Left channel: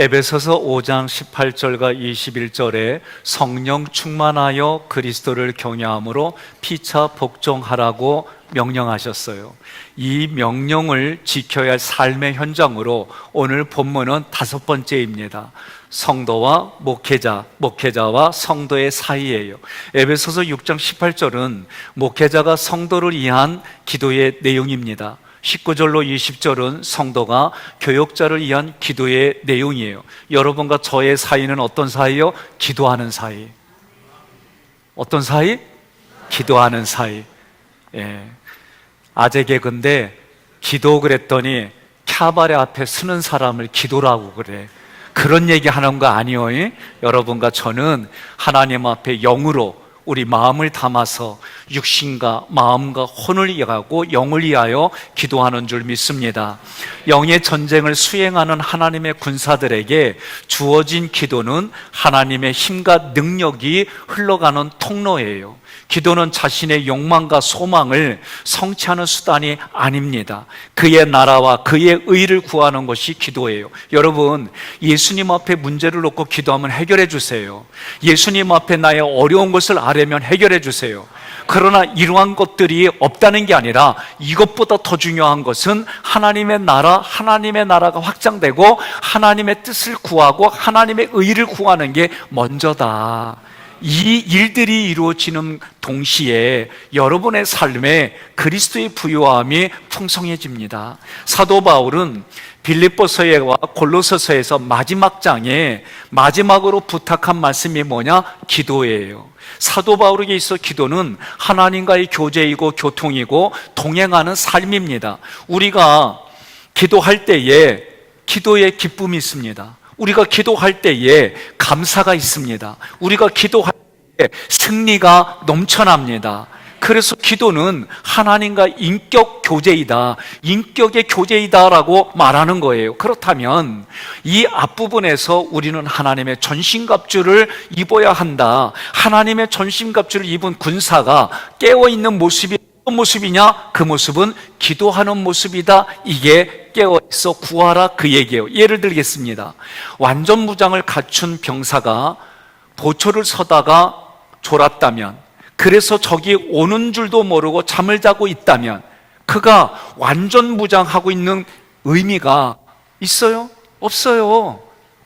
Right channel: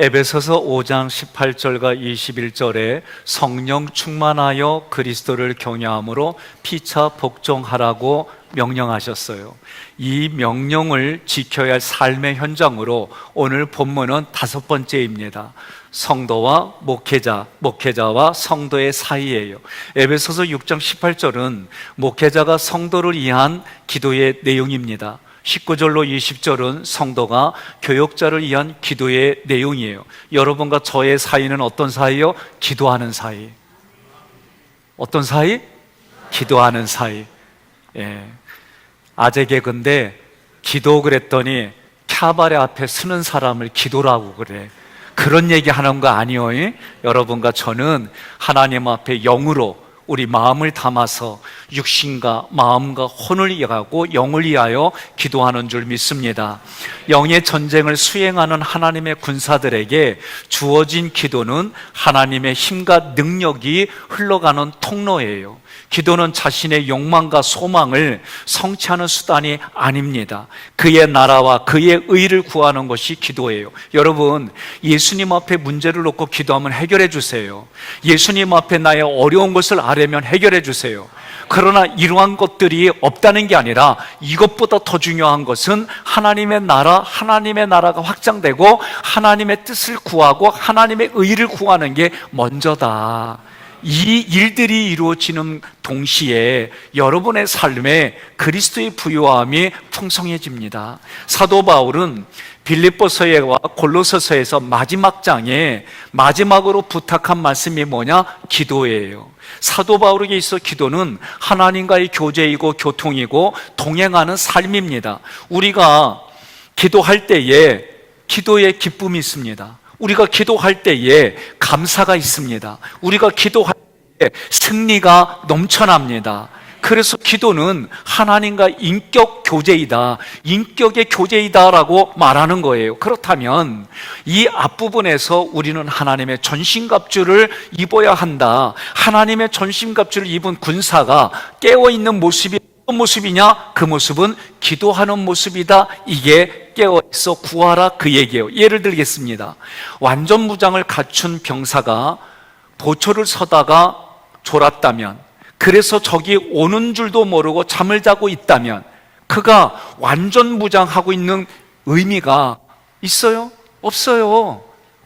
에베소서 5장 18절과 21절에 성령 충만하여 그리스도를 경외함으로 피차 복종하라고 명령하셨어요. 이 명령을 지켜야 할 삶의 현장으로 오늘 본문은 5번째입니다. 성도와 목회자와 성도의 사이예요. 에베소서 6장 18절은 목회자가 성도를 위한 기도의 내용입니다. 19절로 20절은 성도가 교역자를 위한 기도의 내용이에요. 여러분과 저의 사이는 어떤 사이요? 기도하는 사이. 어떤 사이? 기도하는 사이. 예. 아재 개그인데 기도 그랬더니 캬바레 앞에 서는 사람을 기도라고 그래. 그런 얘기 하는 거 아니에요. 여러분과 저는 하나님 앞에 영으로 우리 마음을 담아서 육신과 마음과 혼을 위하고 영을 위하여 기도하는 줄 믿습니다. 영의 전쟁을 수행하는 하나님의 군사들에게 주어진 기도는 하나님의 힘과 능력이 흘러가는 통로예요. 기도는 자신의 욕망과 소망을 성취하는 수단이 아닙니다. 그의 나라와 그의 의를 구하는 것이 기도예요. 여러분, 예수님 앞에 문제를 놓고 기도하면 해결해 주세요. 예수님 앞에 나의 어려운 것을 아뢰면 해결해 주세요. 그러나 이러한 것들이 없다는 게 아니라 이것보다 더 중요한 것은 하나님의 나라가 확장되고 하나님의 뜻을 구하고 하나님의 의를 구하는 게 먼저다. 이 일들이 이루어지는 동시에 여러분의 삶에 그리스도의 부요함이 풍성해집니다. 사도 바울은 빌립보서와 골로새서에서 마지막 장에 마지막으로 부탁한 말씀이 뭐냐? 기도예요. 사도 바울에게 있어 기도는 하나님과의 교제이고 교통이고 동행하는 삶입니다. 우리가 기도할 때에 기도의 기쁨이 있습니다. 우리가 기도할 때에 감사가 있습니다. 우리가 기도할 때 승리가 넘쳐납니다. 그래서 기도는 하나님과 인격 교제이다, 인격의 교제이다라고 말하는 거예요. 그렇다면 이 앞부분에서 우리는 하나님의 전신갑주를 입어야 한다. 하나님의 전신갑주를 입은 군사가 깨어있는 모습이 어떤 모습이냐? 그 모습은 기도하는 모습이다. 이게 깨어있어 구하라 그 얘기예요. 예를 들겠습니다. 완전 무장을 갖춘 병사가 보초를 서다가 졸았다면, 그래서 적이 오는 줄도 모르고 잠을 자고 있다면 그가 완전 무장하고 있는 의미가 있어요? 없어요.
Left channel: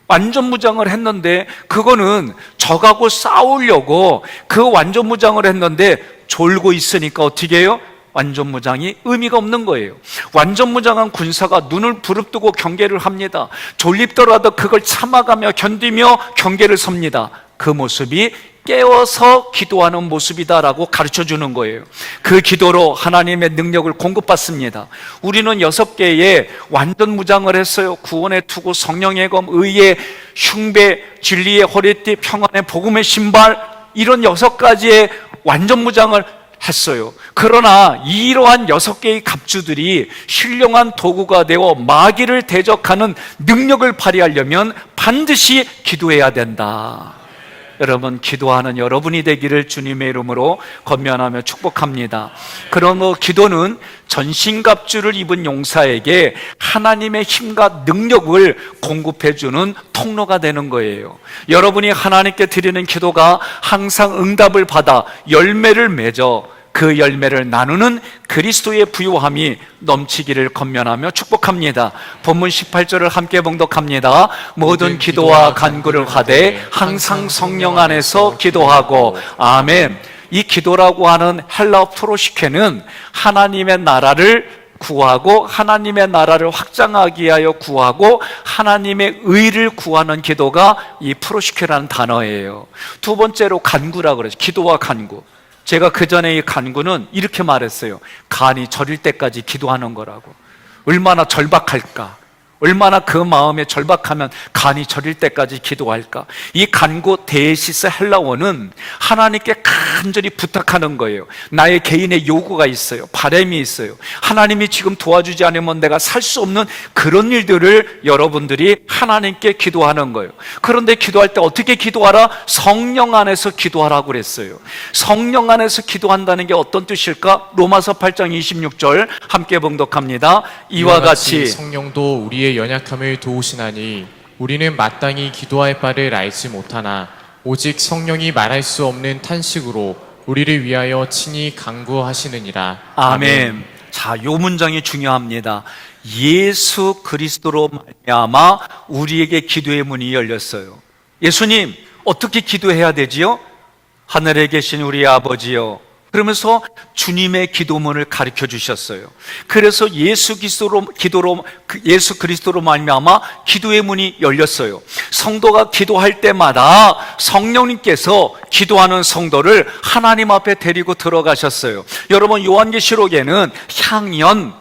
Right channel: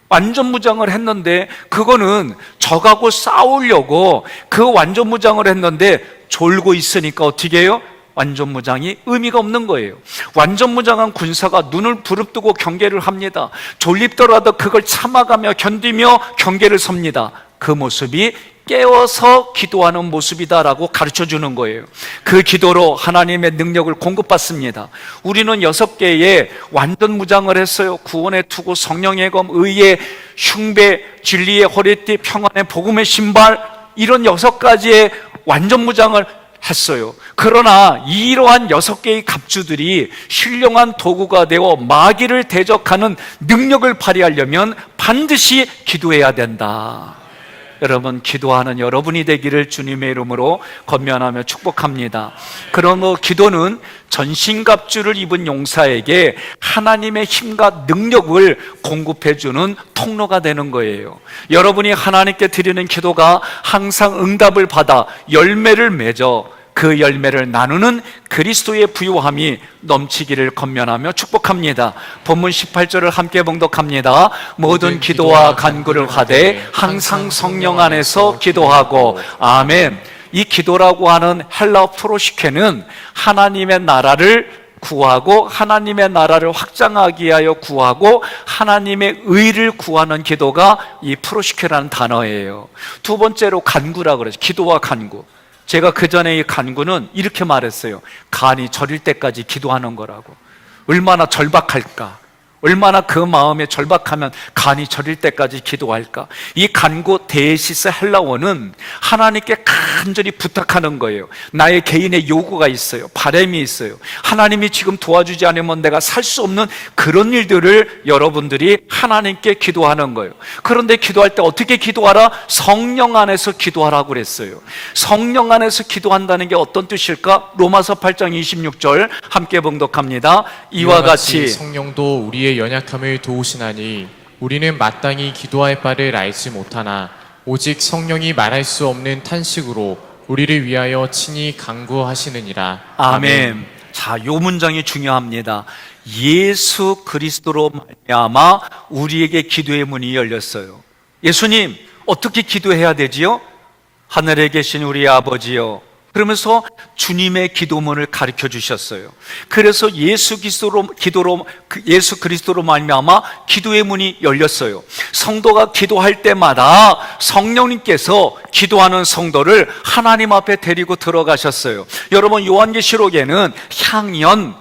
완전 무장을 했는데 그거는 적하고 싸우려고 그 완전 무장을 했는데 졸고 있으니까 어떻게 해요? 완전 무장이 의미가 없는 거예요. 완전 무장한 군사가 눈을 부릅뜨고 경계를 합니다. 졸립더라도 그걸 참아가며 견디며 경계를 섭니다. 그 모습이 깨워서 기도하는 모습이다라고 가르쳐주는 거예요. 그 기도로 하나님의 능력을 공급받습니다. 우리는 6개의 완전 무장을 했어요. 구원의 투구, 성령의 검, 의의 흉배, 진리의 허리띠, 평안의 복음의 신발, 이런 6가지의 완전 무장을 했어요. 그러나 이러한 6개의 갑주들이 신령한 도구가 되어 마귀를 대적하는 능력을 발휘하려면 반드시 기도해야 된다. 여러분, 기도하는 여러분이 되기를 주님의 이름으로 권면하며 축복합니다. 그러므로 기도는 전신갑주를 입은 용사에게 하나님의 힘과 능력을 공급해주는 통로가 되는 거예요. 여러분이 하나님께 드리는 기도가 항상 응답을 받아 열매를 맺어 그 열매를 나누는 그리스도의 부요함이 넘치기를 권면하며 축복합니다. 본문 18절을 함께 봉독합니다. 모든 기도와 간구를 하되 항상 성령 안에서 기도하고. 아멘. 이 기도라고 하는 헬라어 프로시케는 하나님의 나라를 구하고 하나님의 나라를 확장하기 위하여 구하고 하나님의 의를 구하는 기도가 이 프로시케라는 단어예요. 두 번째로 간구라고 그러죠. 기도와 간구. 제가 그 전에 이 간구는 이렇게 말했어요. 간이 저릴 때까지 기도하는 거라고. 얼마나 절박할까? 얼마나 그 마음에 절박하면 간이 저릴 때까지 기도할까? 이 간구 데시스 헬라어는 하나님께 간절히 부탁하는 거예요. 나의 개인의 요구가 있어요. 바람이 있어요. 하나님이 지금 도와주지 않으면 내가 살 수 없는 그런 일들을 여러분들이 하나님께 기도하는 거예요. 그런데 기도할 때 어떻게 기도하라? 성령 안에서 기도하라고 그랬어요. 성령 안에서 기도한다는 게 어떤 뜻일까? 로마서 8장 26절 함께 봉독합니다. 이와 같이 성령도 우리의 연약함을 도우시나니 우리는 마땅히 기도할 바를 알지 못하나 오직 성령이 말할 수 없는 탄식으로 우리를 위하여 친히 간구하시느니라. 아멘. 자, 요 문장이 중요합니다. 예수 그리스도로 말미암아 우리에게 기도의 문이 열렸어요. 예수님, 어떻게 기도해야 되지요? 하늘에 계신 우리 아버지요. 그러면서 주님의 기도문을 가르쳐 주셨어요. 그래서 예수 그리스도로 말미암아 기도의 문이 열렸어요. 성도가 기도할 때마다 성령님께서 기도하는 성도를 하나님 앞에 데리고 들어가셨어요. 여러분, 요한계시록에는 향연,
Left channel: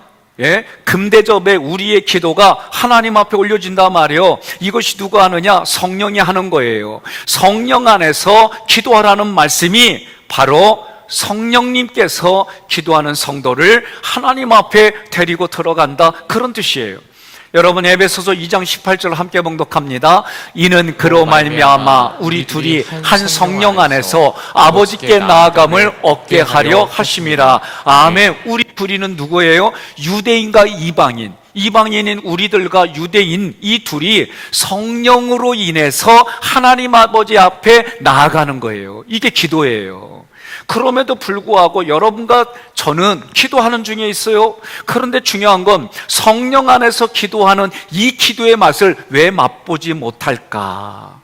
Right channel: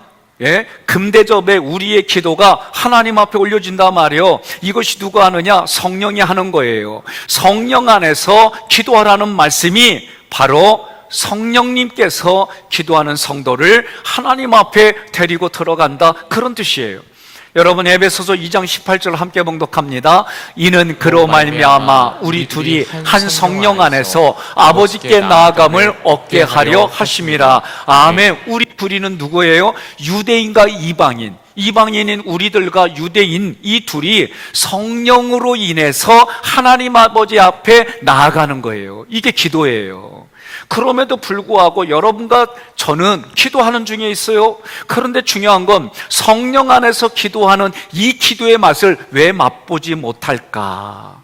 금대접에 우리의 기도가 하나님 앞에 올려진단 말이에요. 이것이 누가 하느냐? 성령이 하는 거예요. 성령 안에서 기도하라는 말씀이 바로 성령님께서 기도하는 성도를 하나님 앞에 데리고 들어간다, 그런 뜻이에요. 여러분, 에베소서 2장 18절 함께 봉독합니다. 이는 그로 말미암아 우리 둘이 한 성령 안에서 아버지께 나아감을 얻게 하려 하심이라. 아멘. 우리 둘이는 누구예요? 유대인과 이방인, 이방인인 우리들과 유대인, 이 둘이 성령으로 인해서 하나님 아버지 앞에 나아가는 거예요. 이게 기도예요. 그럼에도 불구하고 여러분과 저는 기도하는 중에 있어요. 그런데 중요한 건 성령 안에서 기도하는 이 기도의 맛을 왜 맛보지 못할까?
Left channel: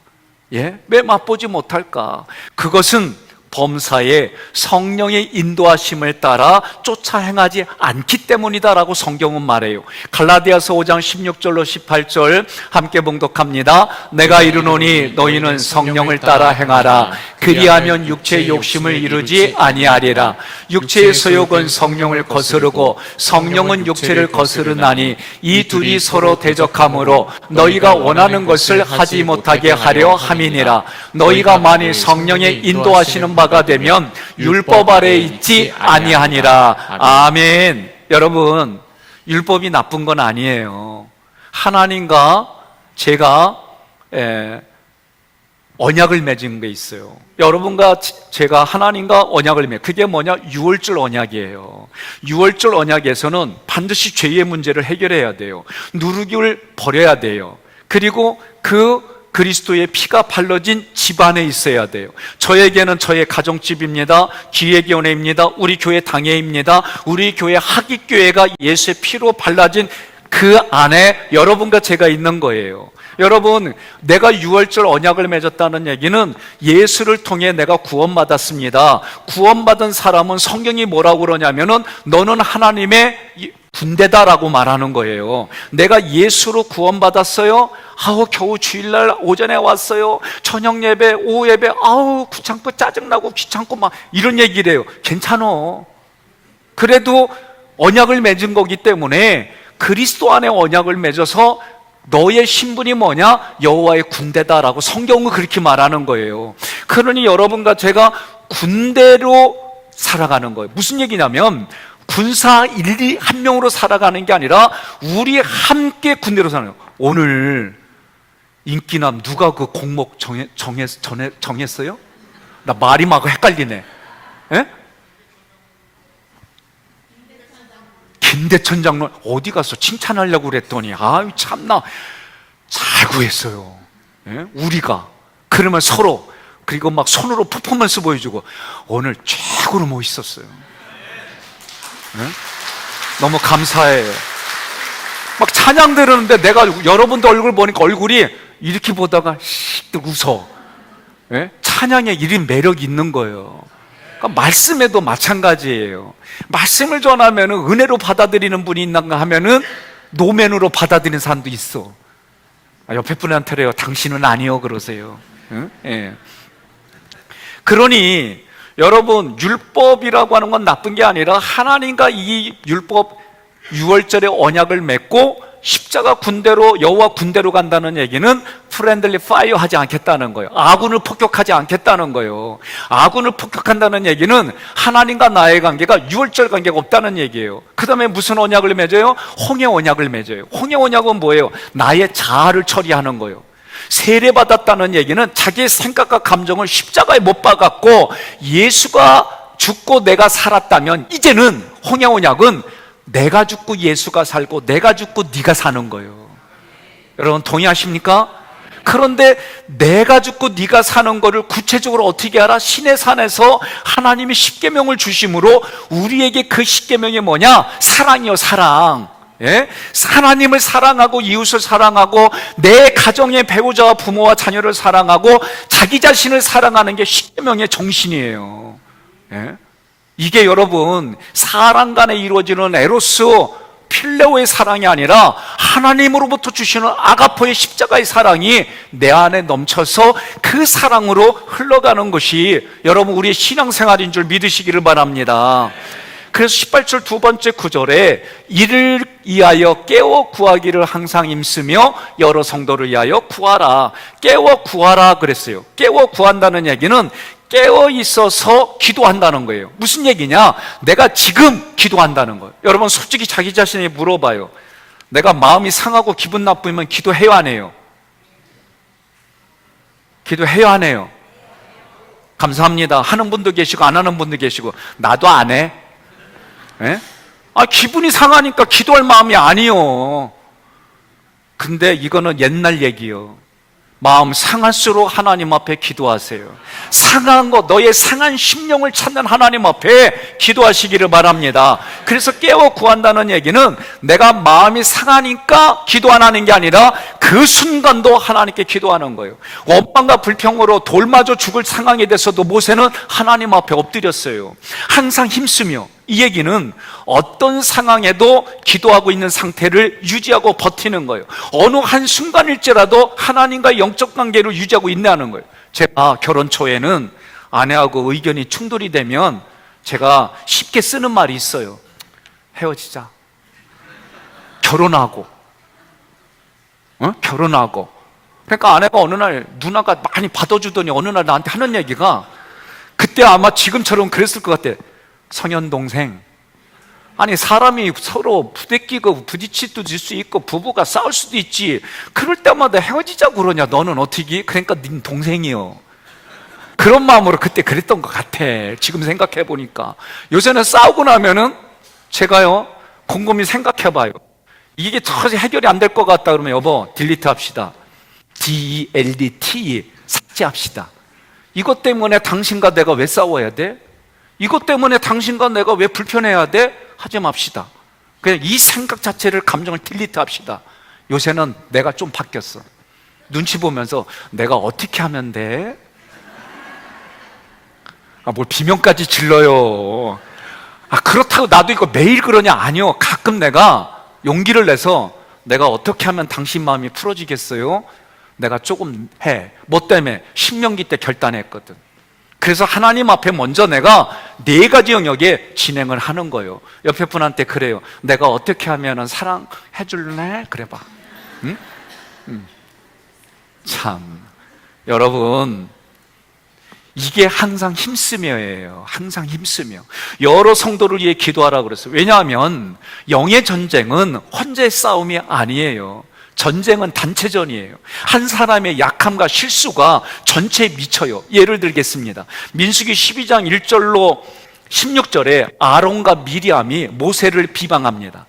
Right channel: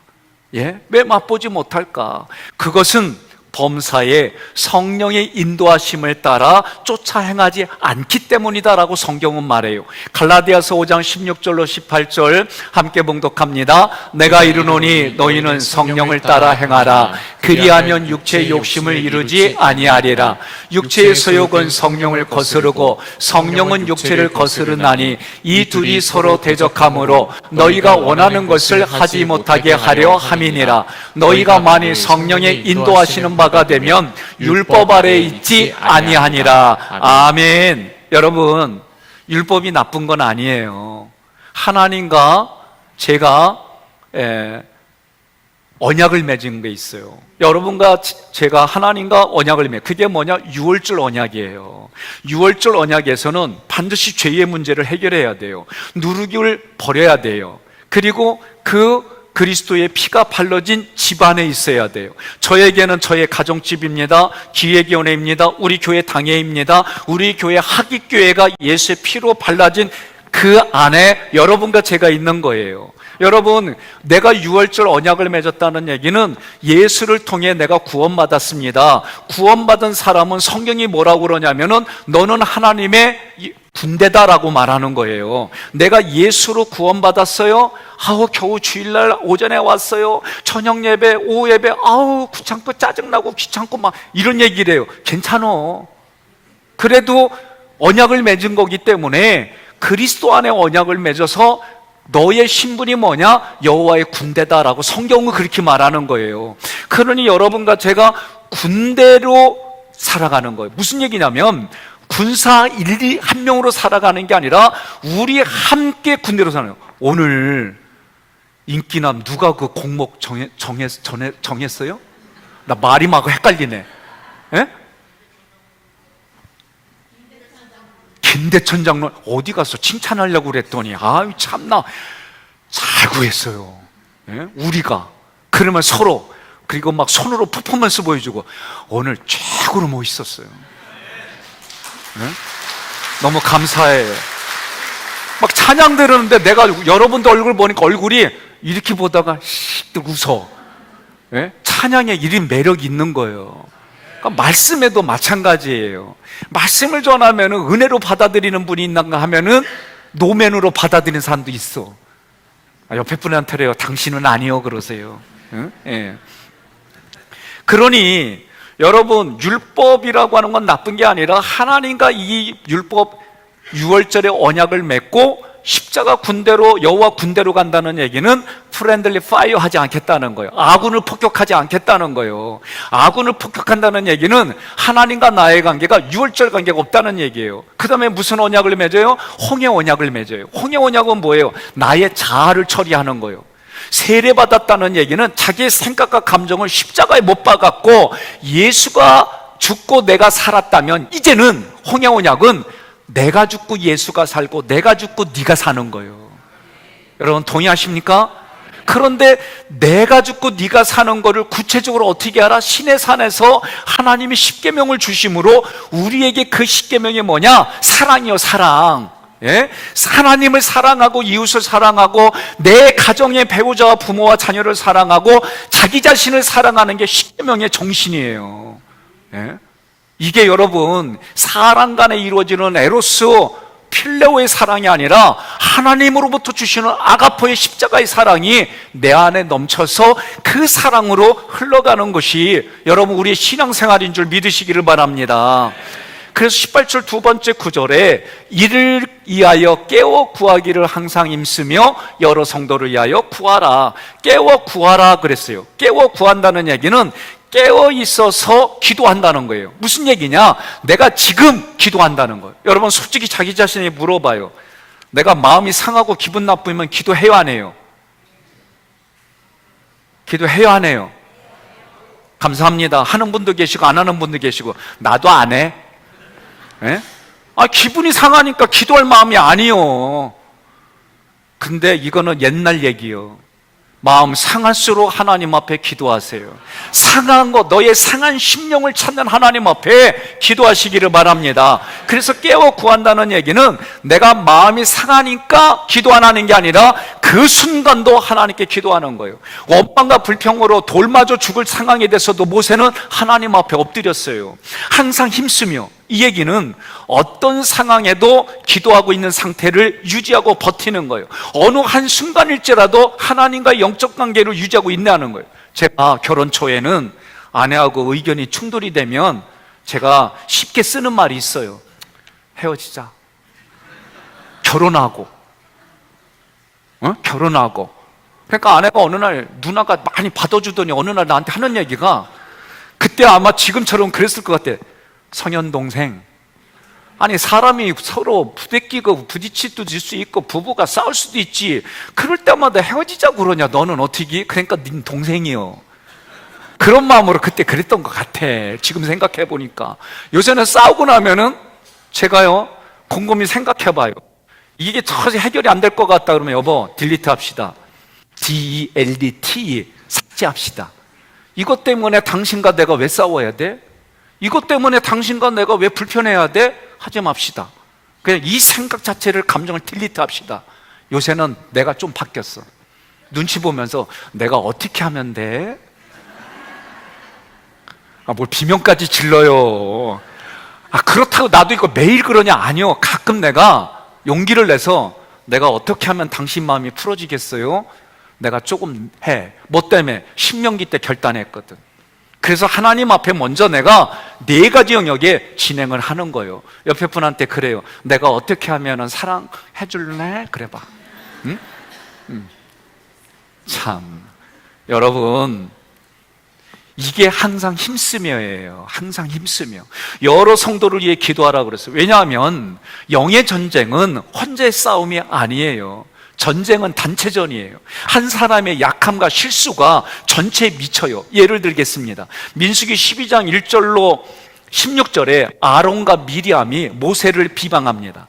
왜 맛보지 못할까? 그것은 범사에 성령의 인도하심을 따라 쫓아 행하지 않기 때문이다라고 성경은 말해요. 갈라디아서 5장 16절로 18절 함께 봉독합니다. 내가 이르노니 너희는 성령을 따라 행하라. 그리하면 육체의 욕심을 이루지 아니하리라. 육체의 소욕은 성령을 거스르고 성령은 육체를 거스르나니 이 둘이 서로 대적하므로 너희가 원하는 것을 하지 못하게 하려 함이니라. 너희가 만일 성령의 인도하시는 바가 되면 율법 아래에 있지 아니하니라. 아멘. 여러분, 율법이 나쁜 건 아니에요. 하나님과 제가 언약을 맺은 게 있어요. 여러분과 제가 하나님과 언약을 그게 뭐냐? 유월절 언약이에요. 유월절 언약에서는 반드시 죄의 문제를 해결해야 돼요. 누룩을 버려야 돼요. 그리고 그리스도의 피가 발라진 집안에 있어야 돼요. 저에게는 저의 가정집입니다. 기획위원회입니다. 우리 교회 당회입니다. 우리 교회 학위교회가 예수의 피로 발라진 그 안에 여러분과 제가 있는 거예요. 여러분, 내가 유월절 언약을 맺었다는 얘기는 예수를 통해 내가 구원받았습니다. 구원받은 사람은 성경이 뭐라고 그러냐면은 너는 하나님의 군대다라고 말하는 거예요. 내가 예수로 구원받았어요. 겨우 주일날 오전에 왔어요. 저녁 예배, 오후 예배, 귀찮고 짜증나고 귀찮고 막 이런 얘기를 해요. 괜찮어. 그래도 언약을 맺은 거기 때문에 그리스도 안에 언약을 맺어서 너의 신분이 뭐냐? 여호와의 군대다라고 성경은 그렇게 말하는 거예요. 그러니 여러분과 제가 군대로 살아가는 거예요. 무슨 얘기냐면 군사 한 명으로 살아가는 게 아니라 우리 함께 군대로 사는 거예요. 오늘 인기남 누가 그 공목 정했어요? 나 말이 막 헷갈리네. 김대천 장로 어디 가서 칭찬하려고 그랬더니 참나 잘 구했어요. 우리가 그러면 서로 그리고 막 손으로 퍼포먼스 보여주고 오늘 최고로 멋있었어요. 너무 감사해요. 막 찬양 들었는데 내가 여러분들 얼굴 보니까 얼굴이 이렇게 보다가 웃어. 찬양에 이런 매력이 있는 거예요. 그러니까 말씀에도 마찬가지예요. 말씀을 전하면 은혜로 받아들이는 분이 있는가 하면은 노맨으로 받아들이는 사람도 있어. 옆에 분한테래요. 당신은 아니요 그러세요. 그러니 여러분, 율법이라고 하는 건 나쁜 게 아니라 하나님과 이 율법 유월절의 언약을 맺고 십자가 군대로 여호와 군대로 간다는 얘기는 프렌들리 파이어 하지 않겠다는 거예요. 아군을 폭격하지 않겠다는 거예요. 아군을 폭격한다는 얘기는 하나님과 나의 관계가 유월절 관계가 없다는 얘기예요. 그 다음에 무슨 언약을 맺어요? 홍해 언약을 맺어요. 홍해 언약은 뭐예요? 나의 자아를 처리하는 거예요. 세례받았다는 얘기는 자기의 생각과 감정을 십자가에 못 박았고 예수가 죽고 내가 살았다면 이제는 홍해 언약은 내가 죽고 예수가 살고 내가 죽고 네가 사는 거예요. 여러분 동의하십니까? 그런데 내가 죽고 네가 사는 거를 구체적으로 어떻게 알아? 신의 산에서 하나님이 십계명을 주심으로 우리에게 그 십계명이 뭐냐? 사랑이요, 사랑. 예? 하나님을 사랑하고 이웃을 사랑하고 내 가정의 배우자와 부모와 자녀를 사랑하고 자기 자신을 사랑하는 게 십계명의 정신이에요. 예? 이게 여러분 사람 간에 이루어지는 에로스 필레오의 사랑이 아니라 하나님으로부터 주시는 아가포의 십자가의 사랑이 내 안에 넘쳐서 그 사랑으로 흘러가는 것이 여러분 우리의 신앙생활인 줄 믿으시기를 바랍니다. 그래서 18절 두 번째 구절에 이를 위하여 깨워 구하기를 항상 힘쓰며 여러 성도를 위하여 구하라. 깨워 구하라 그랬어요. 깨워 구한다는 얘기는 깨어 있어서 기도한다는 거예요. 무슨 얘기냐? 내가 지금 기도한다는 거예요. 여러분 솔직히 자기 자신에게 물어봐요. 내가 마음이 상하고 기분 나쁘면 기도해요, 안 해요? 기도해요, 안 해요? 감사합니다. 하는 분도 계시고 안 하는 분도 계시고. 나도 안 해. 예? 기분이 상하니까 기도할 마음이 아니요. 근데 이거는 옛날 얘기요. 마음 상할수록 하나님 앞에 기도하세요. 상한 거, 너의 상한 심령을 찾는 하나님 앞에 기도하시기를 바랍니다. 그래서 깨워 구한다는 얘기는 내가 마음이 상하니까 기도하는 게 아니라 그 순간도 하나님께 기도하는 거예요. 원망과 불평으로 돌맞아 죽을 상황이 돼서도 모세는 하나님 앞에 엎드렸어요. 항상 힘쓰며. 이 얘기는 어떤 상황에도 기도하고 있는 상태를 유지하고 버티는 거예요. 어느 한순간일지라도 하나님과 영적 관계를 유지하고 있다는 거예요. 제가 결혼 초에는 아내하고 의견이 충돌이 되면 제가 쉽게 쓰는 말이 있어요. 헤어지자. 결혼하고. 결혼하고. 그러니까 아내가 어느 날 누나가 많이 받아주더니 어느 날 나한테 하는 얘기가 그때 아마 지금처럼 그랬을 것 같아. 성현 동생, 아니 사람이 서로 부대끼고 부딪힐 수 있고 부부가 싸울 수도 있지. 그럴 때마다 헤어지자고 그러냐? 너는 어떻게? 그러니까 네 동생이요. 그런 마음으로 그때 그랬던 것 같아. 지금 생각해 보니까. 요새는 싸우고 나면은 제가요 곰곰이 생각해봐요. 이게 도저히 해결이 안 될 것 같다 그러면 여보 딜리트 합시다. DELDT 삭제합시다. 이것 때문에 당신과 내가 왜 싸워야 돼? 이것 때문에 당신과 내가 왜 불편해야 돼? 하지 맙시다. 그냥 이 생각 자체를, 감정을 딜리트 합시다. 요새는 내가 좀 바뀌었어. 눈치 보면서 내가 어떻게 하면 돼? 뭘 비명까지 질러요. 그렇다고 나도 이거 매일 그러냐? 아니요. 가끔 내가 용기를 내서 내가 어떻게 하면 당신 마음이 풀어지겠어요? 내가 조금 해. 뭐 때문에? 신명기 때 결단했거든. 그래서 하나님 앞에 먼저 내가 4가지 영역에 진행을 하는 거예요. 옆에 분한테 그래요. 내가 어떻게 하면 사랑해 줄래? 그래봐. 응? 참, 여러분, 이게 항상 힘쓰며예요. 항상 힘쓰며. 여러 성도를 위해 기도하라고 그랬어요. 왜냐하면 영의 전쟁은 혼자의 싸움이 아니에요. 전쟁은 단체전이에요. 한 사람의 약함과 실수가 전체에 미쳐요. 예를 들겠습니다. 민수기 12장 1절로 16절에 아론과 미리암이 모세를 비방합니다.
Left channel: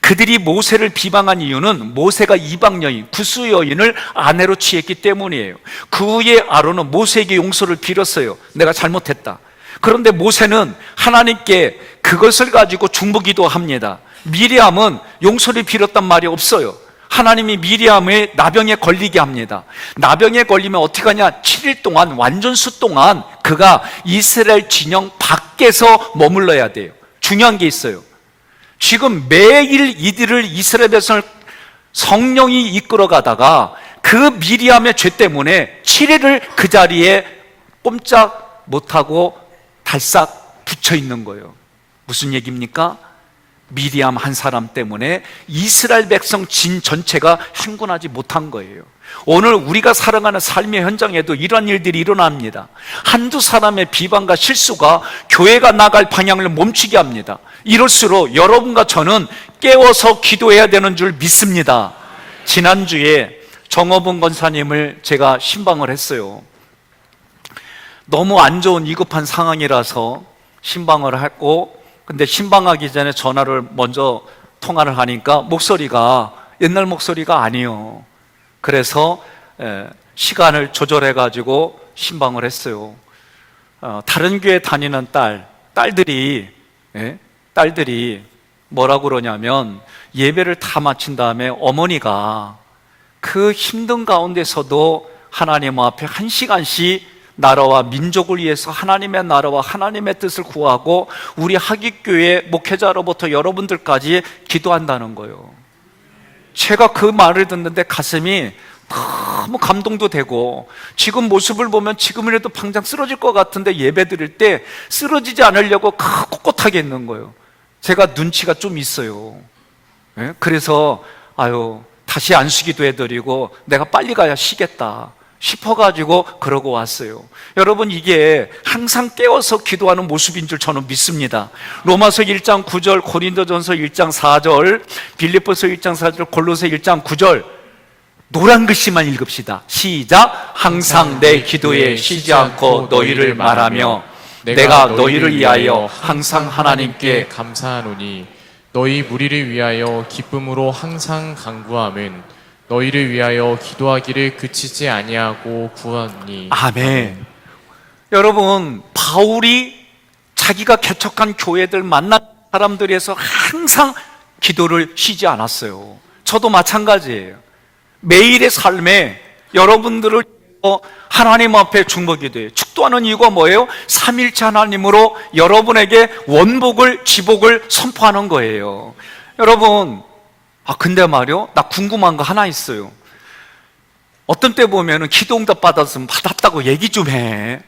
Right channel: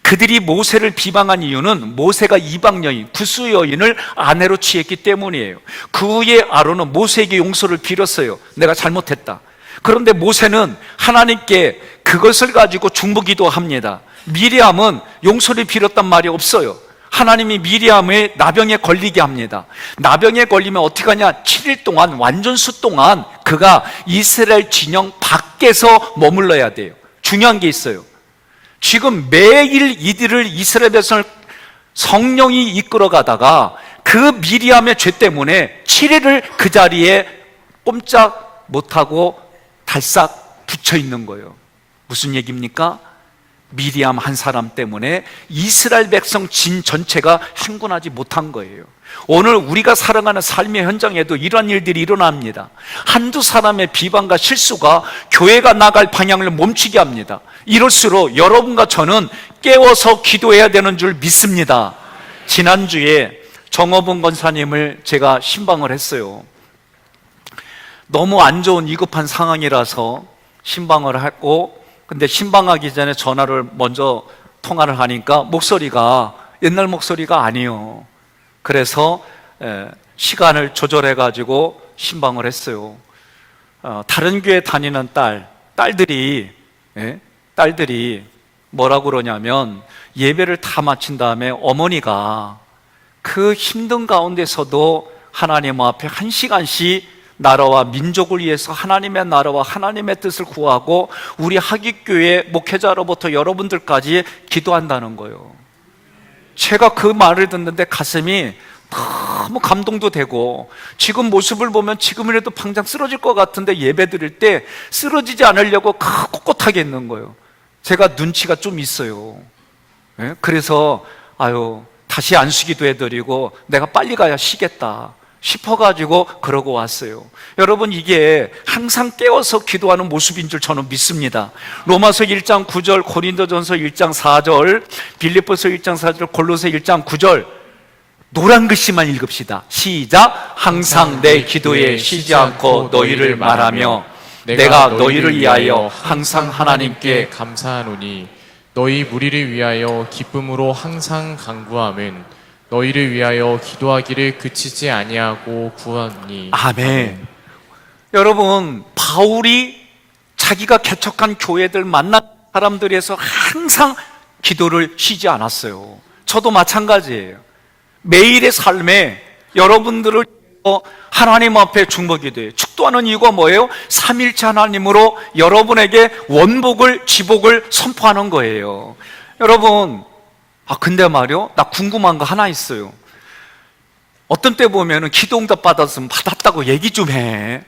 그들이 모세를 비방한 이유는 모세가 이방 여인, 구스 여인을 아내로 취했기 때문이에요. 그 후에 아론은 모세에게 용서를 빌었어요. 내가 잘못했다. 그런데 모세는 하나님께 그것을 가지고 중보기도 합니다. 미리암은 용서를 빌었단 말이 없어요. 하나님이 미리암을 나병에 걸리게 합니다. 나병에 걸리면 어떻게 하냐? 7일 동안, 완전수 동안 그가 이스라엘 진영 밖에서 머물러야 돼요. 중요한 게 있어요. 지금 매일 이스라엘 백성을 성령이 이끌어 가다가 그 미리암의 죄 때문에 7일을 그 자리에 꼼짝 못하고 달싹 붙여 있는 거예요. 무슨 얘기입니까? 미리암 한 사람 때문에 이스라엘 백성 진 전체가 행군하지 못한 거예요. 오늘 우리가 살아가는 삶의 현장에도 이런 일들이 일어납니다. 한두 사람의 비방과 실수가 교회가 나갈 방향을 멈추게 합니다. 이럴수록 여러분과 저는 깨워서 기도해야 되는 줄 믿습니다. 지난주에 정어봉 권사님을 제가 신방을 했어요. 너무 안 좋은 위급한 상황이라서 신방을 했고, 근데 신방하기 전에 전화를 먼저 통화를 하니까 목소리가 옛날 목소리가 아니에요. 그래서 시간을 조절해 가지고 신방을 했어요. 다른 교회 다니는 딸들이 뭐라고 그러냐면, 예배를 다 마친 다음에 어머니가 그 힘든 가운데서도 하나님 앞에 1시간씩 나라와 민족을 위해서 하나님의 나라와 하나님의 뜻을 구하고 우리 하깃교회 목회자로부터 여러분들까지 기도한다는 거예요. 제가 그 말을 듣는데 가슴이 너무 감동도 되고, 지금 모습을 보면 지금이라도 당장 쓰러질 것 같은데 예배 드릴 때 쓰러지지 않으려고 꼿꼿하게 있는 거예요. 제가 눈치가 좀 있어요. 그래서 다시 안수기도 해드리고 내가 빨리 가야 쉬겠다 싶어가지고 그러고 왔어요. 여러분, 이게 항상 깨워서 기도하는 모습인 줄 저는 믿습니다. 로마서 1장 9절, 고린도전서 1장 4절, 빌립보서 1장 4절, 골로새 1장 9절, 노란 글씨만 읽읍시다. 시작. 항상 내 기도에 쉬지 않고 너희를 말하며 내가 너희를 위하여 항상 하나님께 감사하노니 너희 무리를 위하여 기쁨으로 항상 간구함은 너희를 위하여 기도하기를 그치지 아니하고 구하니. 아멘. 여러분, 바울이 자기가 개척한 교회들 만난 사람들에서 항상 기도를 쉬지 않았어요. 저도 마찬가지예요. 매일의 삶에 여러분들을 하나님 앞에 중보기도해요. 축도하는 이유가 뭐예요? 삼일체 하나님으로 여러분에게 원복을, 지복을 선포하는 거예요. 여러분, 근데 말이요, 나 궁금한 거 하나 있어요. 어떤 때 보면은 기도응답 받았으면 받았다고 얘기 좀 해.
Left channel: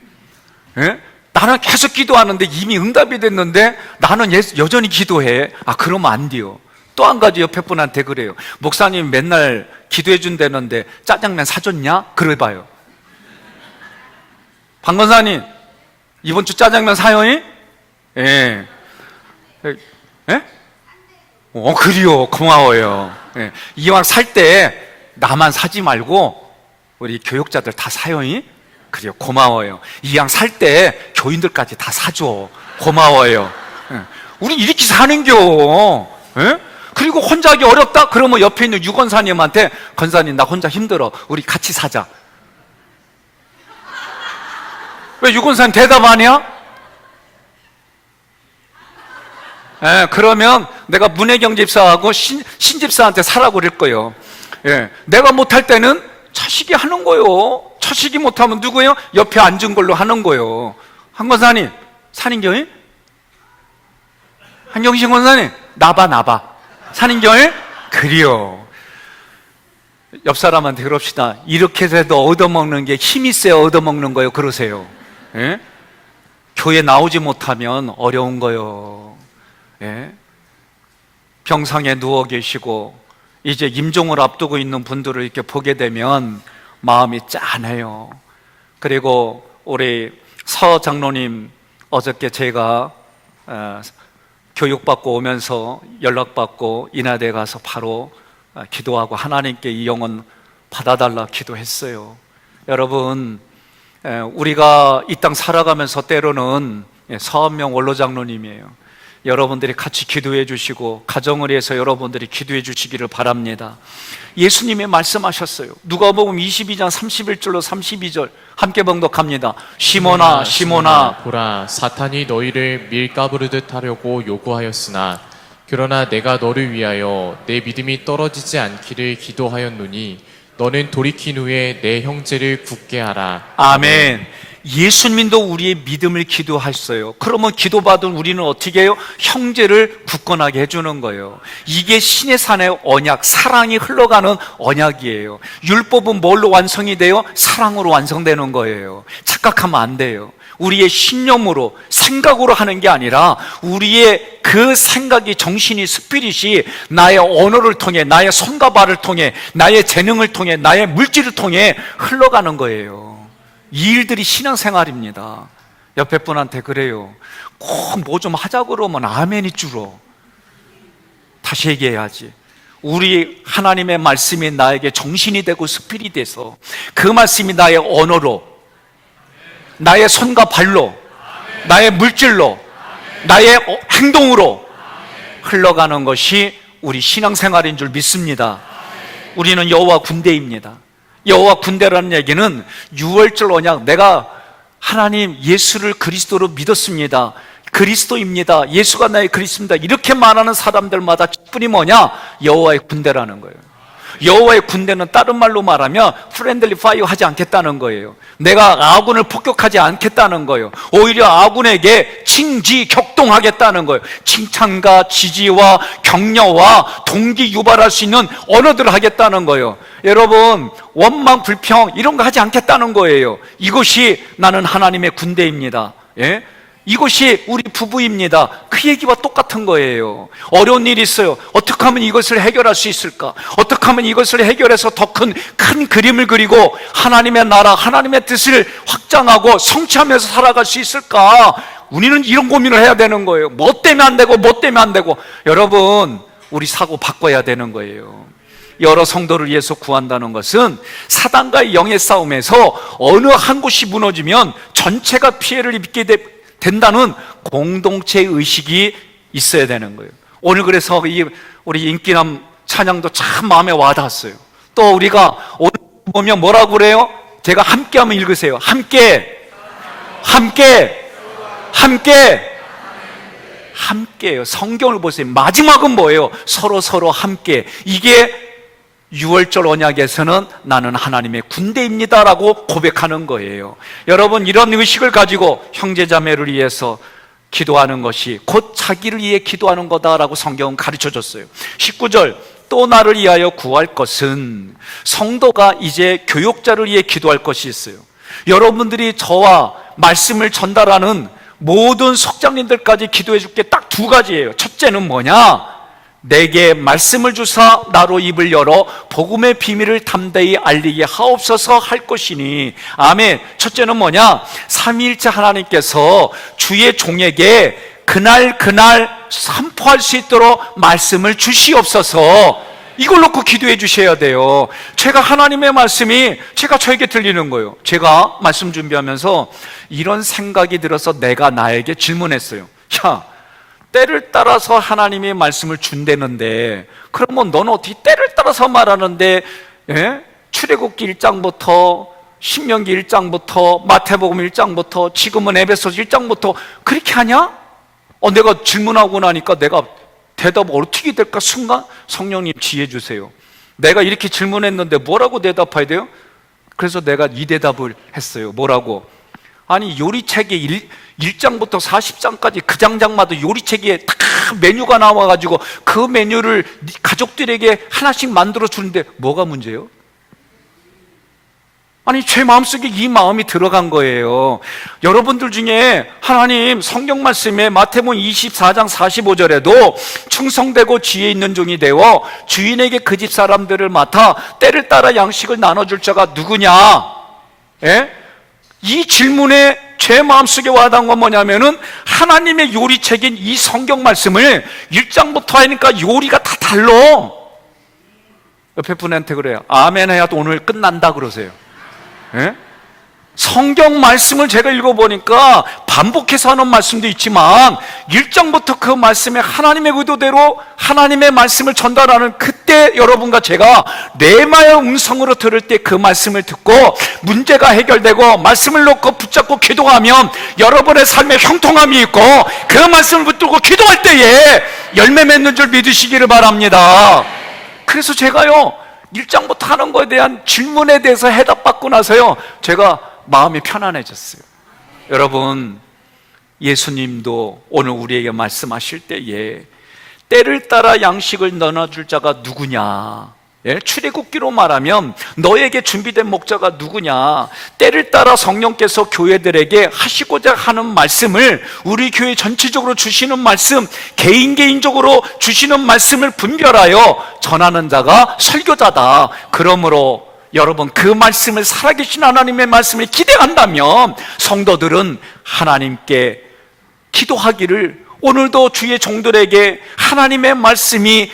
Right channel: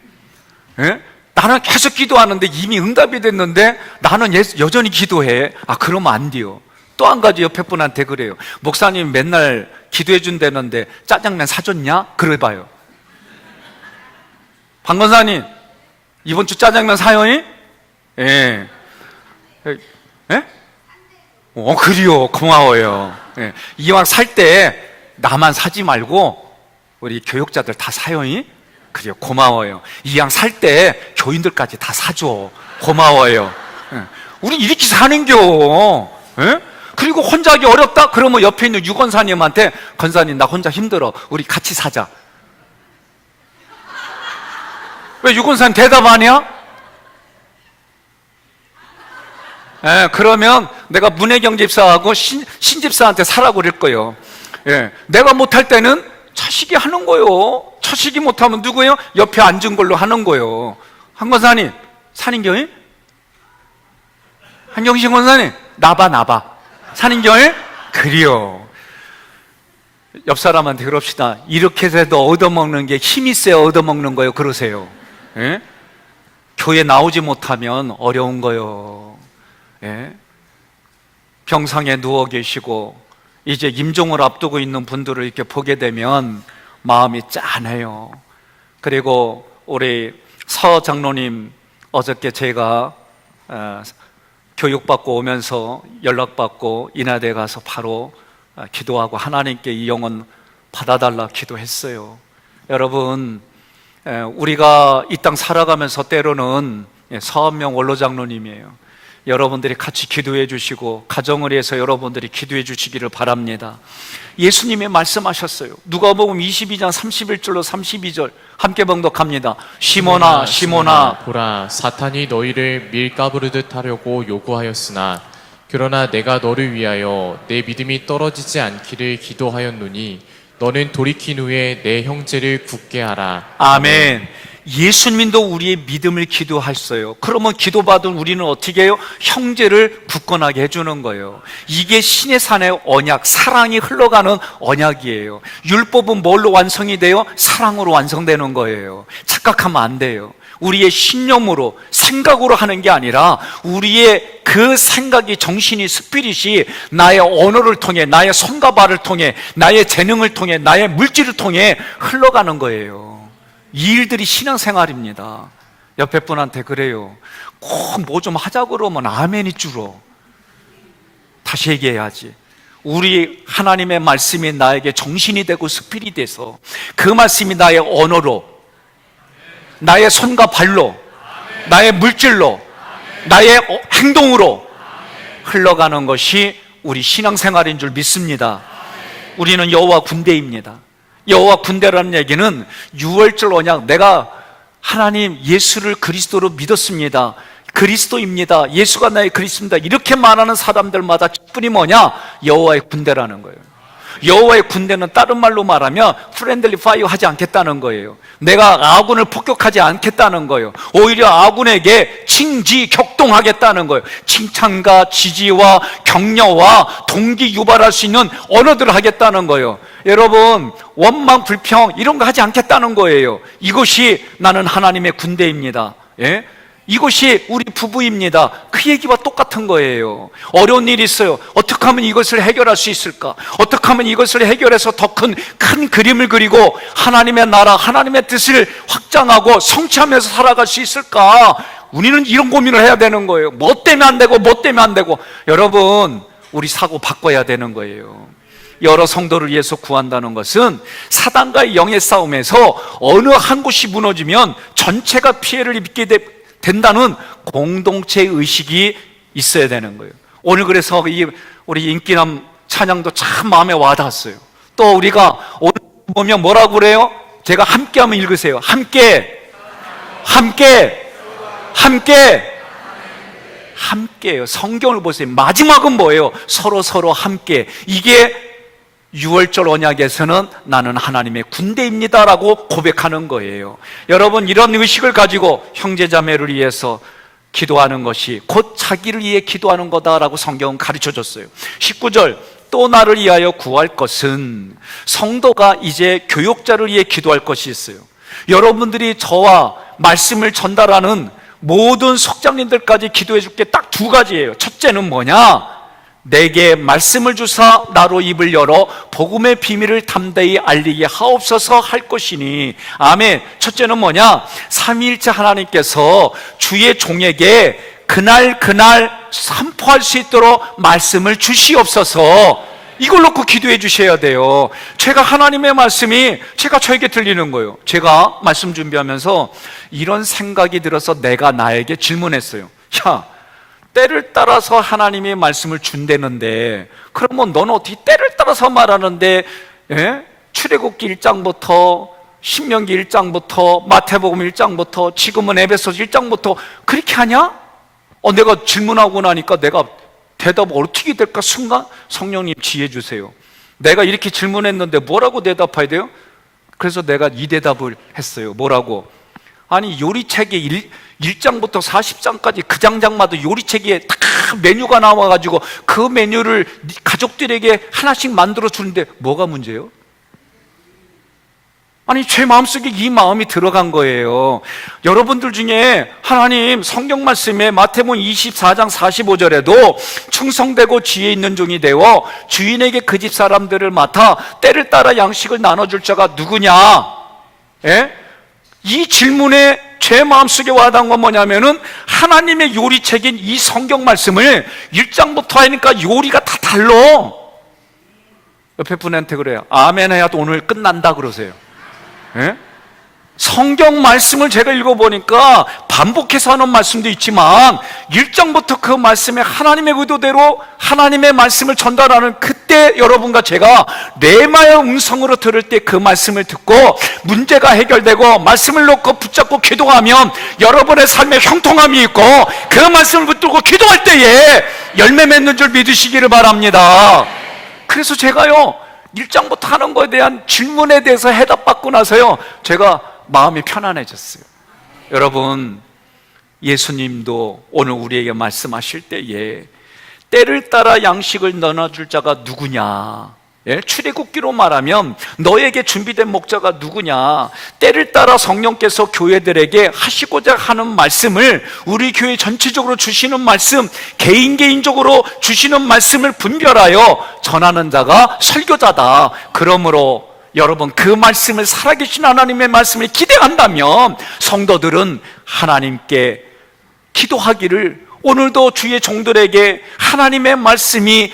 예? 나는 계속 기도하는데 이미 응답이 됐는데 나는 여전히 기도해. 그러면 안 돼요. 또 한 가지 옆에 분한테 그래요. 목사님 맨날 기도해 준다는데 짜장면 사줬냐? 그래봐요. 박 권사님, 이번 주 짜장면 사요? 예. 예? 그래요. 고마워요. 예. 이왕 살 때 나만 사지 말고 우리 교육자들 다 사요? 그래요. 고마워요. 이왕 살 때 교인들까지 다 사줘. 고마워요. 예. 우리 이렇게 사는겨. 예? 그리고 혼자 하기 어렵다? 그러면 옆에 있는 유권사님한테, 권사님 나 혼자 힘들어. 우리 같이 사자. 왜 유권사님 대답 안 해요? 그러면 내가 문혜경 집사하고 신집사한테 사라고 그럴 거예요. 예, 내가 못할 때는 차식이 하는 거예요. 차식이 못하면 누구예요? 옆에 앉은 걸로 하는 거예요. 한 권사님, 살인교회? 한경신 권사님, 나봐. 살인교회? 그래요. 옆 사람한테 그럽시다. 이렇게 해도 얻어먹는 게 힘이 세야 얻어먹는 거예요. 그러세요. 예? 교회 나오지 못하면 어려운 거요. 예? 병상에 누워 계시고 이제 임종을 앞두고 있는 분들을 이렇게 보게 되면 마음이 짠해요. 그리고 우리 서 장로님, 어저께 제가 교육받고 오면서 연락받고 인하대에 가서 바로 기도하고 하나님께 이 영혼 받아달라 기도했어요. 여러분, 우리가 이 땅 살아가면서 때로는 서한명 원로장로님이에요. 여러분들이 같이 기도해 주시고 가정을 위해서 여러분들이 기도해 주시기를 바랍니다. 예수님이 말씀하셨어요. 누가복음 22장 31절로 32절 함께 봉독합니다. 시몬아 시몬아, 보라, 사탄이 너희를 밀가부르듯 하려고 요구하였으나 그러나 내가 너를 위하여 내 믿음이 떨어지지 않기를 기도하였노니 너는 돌이킨 후에 내 형제를 굳게 하라. 아멘. 예수님도 우리의 믿음을 기도하셨어요. 그러면 기도받은 우리는 어떻게 해요? 형제를 굳건하게 해주는 거예요. 이게 신의 산의 언약, 사랑이 흘러가는 언약이에요. 율법은 뭘로 완성이 돼요? 사랑으로 완성되는 거예요. 착각하면 안 돼요. 우리의 신념으로, 생각으로 하는 게 아니라 우리의 그 생각이, 정신이, 스피릿이 나의 언어를 통해, 나의 손과 발을 통해, 나의 재능을 통해, 나의 물질을 통해 흘러가는 거예요. 이 일들이 신앙생활입니다. 옆에 분한테 그래요. 꼭 뭐 좀 하자 그러면 아멘이 줄어. 다시 얘기해야지. 우리 하나님의 말씀이 나에게 정신이 되고 스피릿이 돼서 그 말씀이 나의 언어로, 나의 손과 발로, 나의 물질로, 나의 행동으로 흘러가는 것이 우리 신앙생활인 줄 믿습니다. 우리는 여호와 군대입니다. 여호와 군대라는 얘기는 유월절 언약, 내가 하나님 예수를 그리스도로 믿었습니다, 그리스도입니다, 예수가 나의 그리스도입니다, 이렇게 말하는 사람들마다 직분이 뭐냐? 여호와의 군대라는 거예요. 여호와의 군대는 다른 말로 말하면 프렌들리 파이어 하지 않겠다는 거예요. 내가 아군을 폭격하지 않겠다는 거예요. 오히려 아군에게 칭지 격동하겠다는 거예요. 칭찬과 지지와 격려와 동기 유발할 수 있는 언어들을 하겠다는 거예요. 여러분, 원망 불평 이런 거 하지 않겠다는 거예요. 이것이 나는 하나님의 군대입니다. 예? 이것이 우리 부부입니다. 그 얘기와 똑같은 거예요. 어려운 일이 있어요. 어떻게 하면 이것을 해결할 수 있을까? 어떻게 하면 이것을 해결해서 더 큰 그림을 그리고 하나님의 나라, 하나님의 뜻을 확장하고 성취하면서 살아갈 수 있을까? 우리는 이런 고민을 해야 되는 거예요. 뭐 때문에 안 되고 뭐 때문에 안 되고. 여러분, 우리 사고 바꿔야 되는 거예요. 여러 성도를 위해서 구한다는 것은 사단과의 영의 싸움에서 어느 한 곳이 무너지면 전체가 피해를 입게 된다는 공동체 의식이 있어야 되는 거예요. 오늘 그래서 우리 인기남 찬양도 참 마음에 와닿았어요. 또 우리가 오늘 보면 뭐라고 그래요? 제가 함께 한번 읽으세요. 함께예요. 성경을 보세요. 마지막은 뭐예요? 서로 함께. 이게 6월절 언약에서는 나는 하나님의 군대입니다라고 고백하는 거예요. 여러분, 이런 의식을 가지고 형제자매를 위해서 기도하는 것이 곧 자기를 위해 기도하는 거다라고 성경은 가르쳐줬어요. 19절, 또 나를 위하여 구할 것은, 성도가 이제 교역자를 위해 기도할 것이 있어요. 여러분들이 저와 말씀을 전달하는 모든 속장님들까지 기도해 줄 게 딱 두 가지예요. 첫째는 뭐냐? 내게 말씀을 주사 나로 입을 열어 복음의 비밀을 담대히 알리게 하옵소서 할 것이니. 아멘. 첫째는 뭐냐? 삼위일체 하나님께서 주의 종에게 그날 선포할 수 있도록 말씀을 주시옵소서. 이걸 놓고 기도해 주셔야 돼요. 제가 하나님의 말씀이 제가 저에게 들리는 거예요. 제가 말씀 준비하면서 이런 생각이 들어서 내가 나에게 질문했어요. 야, 때를 따라서 하나님의 말씀을 준다는데 그러면 너는 어떻게 때를 따라서 말하는데, 예? 출애굽기 1장부터 신명기 1장부터 마태복음 1장부터 지금은 에베소서 1장부터 그렇게 하냐? 내가 질문하고 나니까 내가 대답 어떻게 될까? 순간 성령님 지혜 주세요. 내가 이렇게 질문했는데 뭐라고 대답해야 돼요? 그래서 내가 이 대답을 했어요. 뭐라고? 아니, 요리책에 1장부터 40장까지 그 장장마다 요리책에 다 메뉴가 나와가지고 그 메뉴를 가족들에게 하나씩 만들어 주는데 뭐가 문제예요? 아니, 제 마음속에 이 마음이 들어간 거예요. 여러분들 중에 하나님 성경 말씀에 마태복음 24장 45절에도 충성되고 지혜 있는 종이 되어 주인에게 그 집 사람들을 맡아 때를 따라 양식을 나눠줄 자가 누구냐? 예? 이 질문에 제 마음속에 와닿은 건 뭐냐면은 하나님의 요리책인 이 성경 말씀을 1장부터 하니까 요리가 다 달라. 옆에 분한테 그래요. 아멘 해야 오늘 끝난다 그러세요. 예? 성경 말씀을 제가 읽어보니까 반복해서 하는 말씀도 있지만 1장부터 그 말씀에 하나님의 의도대로 하나님의 말씀을 전달하는 그때 여러분과 제가 레마의 음성으로 들을 때 그 말씀을 듣고 문제가 해결되고 말씀을 놓고 붙잡고 기도하면 여러분의 삶에 형통함이 있고 그 말씀을 붙들고 기도할 때에 열매 맺는 줄 믿으시기를 바랍니다. 그래서 제가요 1장부터 하는 거에 대한 질문에 대해서 해답받고 나서요 제가 마음이 편안해졌어요. 여러분, 예수님도 오늘 우리에게 말씀하실 때에 때를 따라 양식을 나눠줄 자가 누구냐? 예? 출애굽기로 말하면 너에게 준비된 목자가 누구냐? 때를 따라 성령께서 교회들에게 하시고자 하는 말씀을 우리 교회 전체적으로 주시는 말씀, 개인적으로 주시는 말씀을 분별하여 전하는 자가 설교자다. 그러므로 여러분, 그 말씀을 살아계신 하나님의 말씀에 기대한다면 성도들은 하나님께 기도하기를 오늘도 주의 종들에게 하나님의 말씀이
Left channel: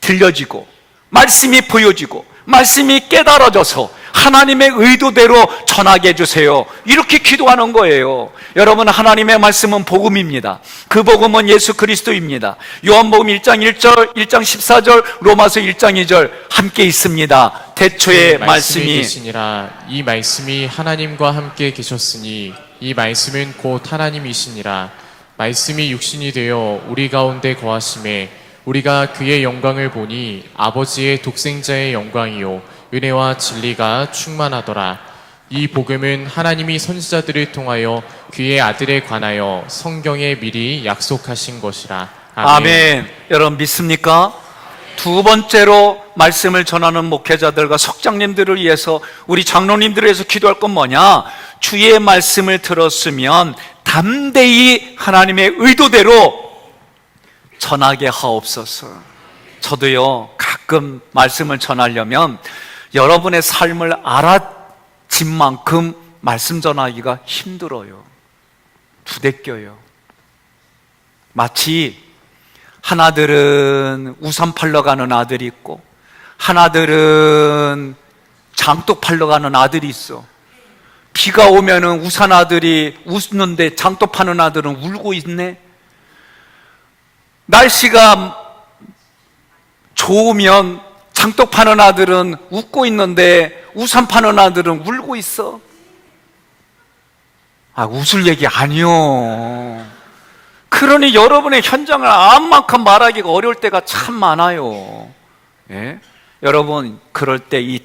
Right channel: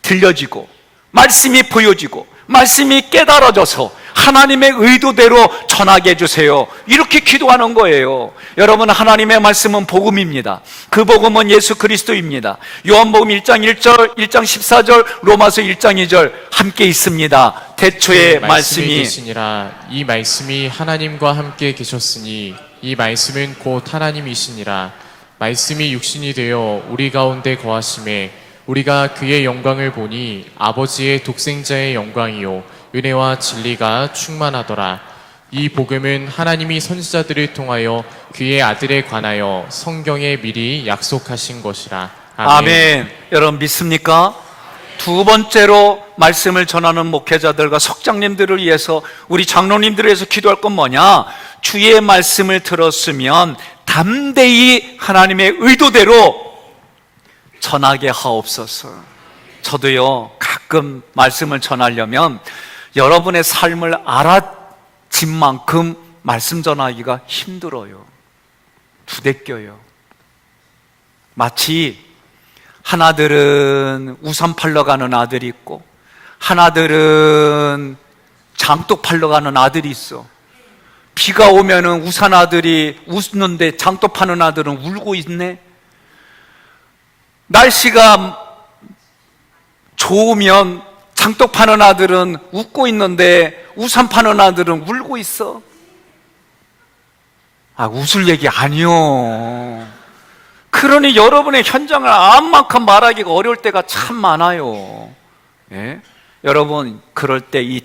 들려지고 말씀이 보여지고 말씀이 깨달아져서 하나님의 의도대로 전하게 해주세요. 이렇게 기도하는 거예요. 여러분, 하나님의 말씀은 복음입니다. 그 복음은 예수 그리스도입니다. 요한복음 1장 1절, 1장 14절, 로마서 1장 2절 함께 있습니다. 대초에 말씀이 계시니라. 이 말씀이 하나님과 함께 계셨으니 이 말씀은 곧 하나님이시니라. 말씀이 육신이 되어 우리 가운데 거하심에 우리가 그의 영광을 보니 아버지의 독생자의 영광이요 은혜와 진리가 충만하더라. 이 복음은 하나님이 선지자들을 통하여 그의 아들에 관하여 성경에 미리 약속하신 것이라. 아멘. 여러분 믿습니까? 두 번째로 말씀을 전하는 목회자들과 석장님들을 위해서, 우리 장로님들을 위해서 기도할 건 뭐냐? 주의 말씀을 들었으면 담대히 하나님의 의도대로 전하게 하옵소서. 저도요, 가끔 말씀을 전하려면 여러분의 삶을 알아진 만큼 말씀 전하기가 힘들어요. 부대껴요. 마치 하나들은 우산 팔러 가는 아들이 있고 하나들은 장독 팔러 가는 아들이 있어. 비가 오면은 우산 아들이 웃는데 장독 파는 아들은 울고 있네. 날씨가 좋으면 장독 파는 아들은 웃고 있는데 우산 파는 아들은 울고 있어. 웃을 얘기 아니요. 그러니 여러분의 현장을 암만큼 말하기가 어려울 때가 참 많아요. 예? 여러분, 그럴 때 이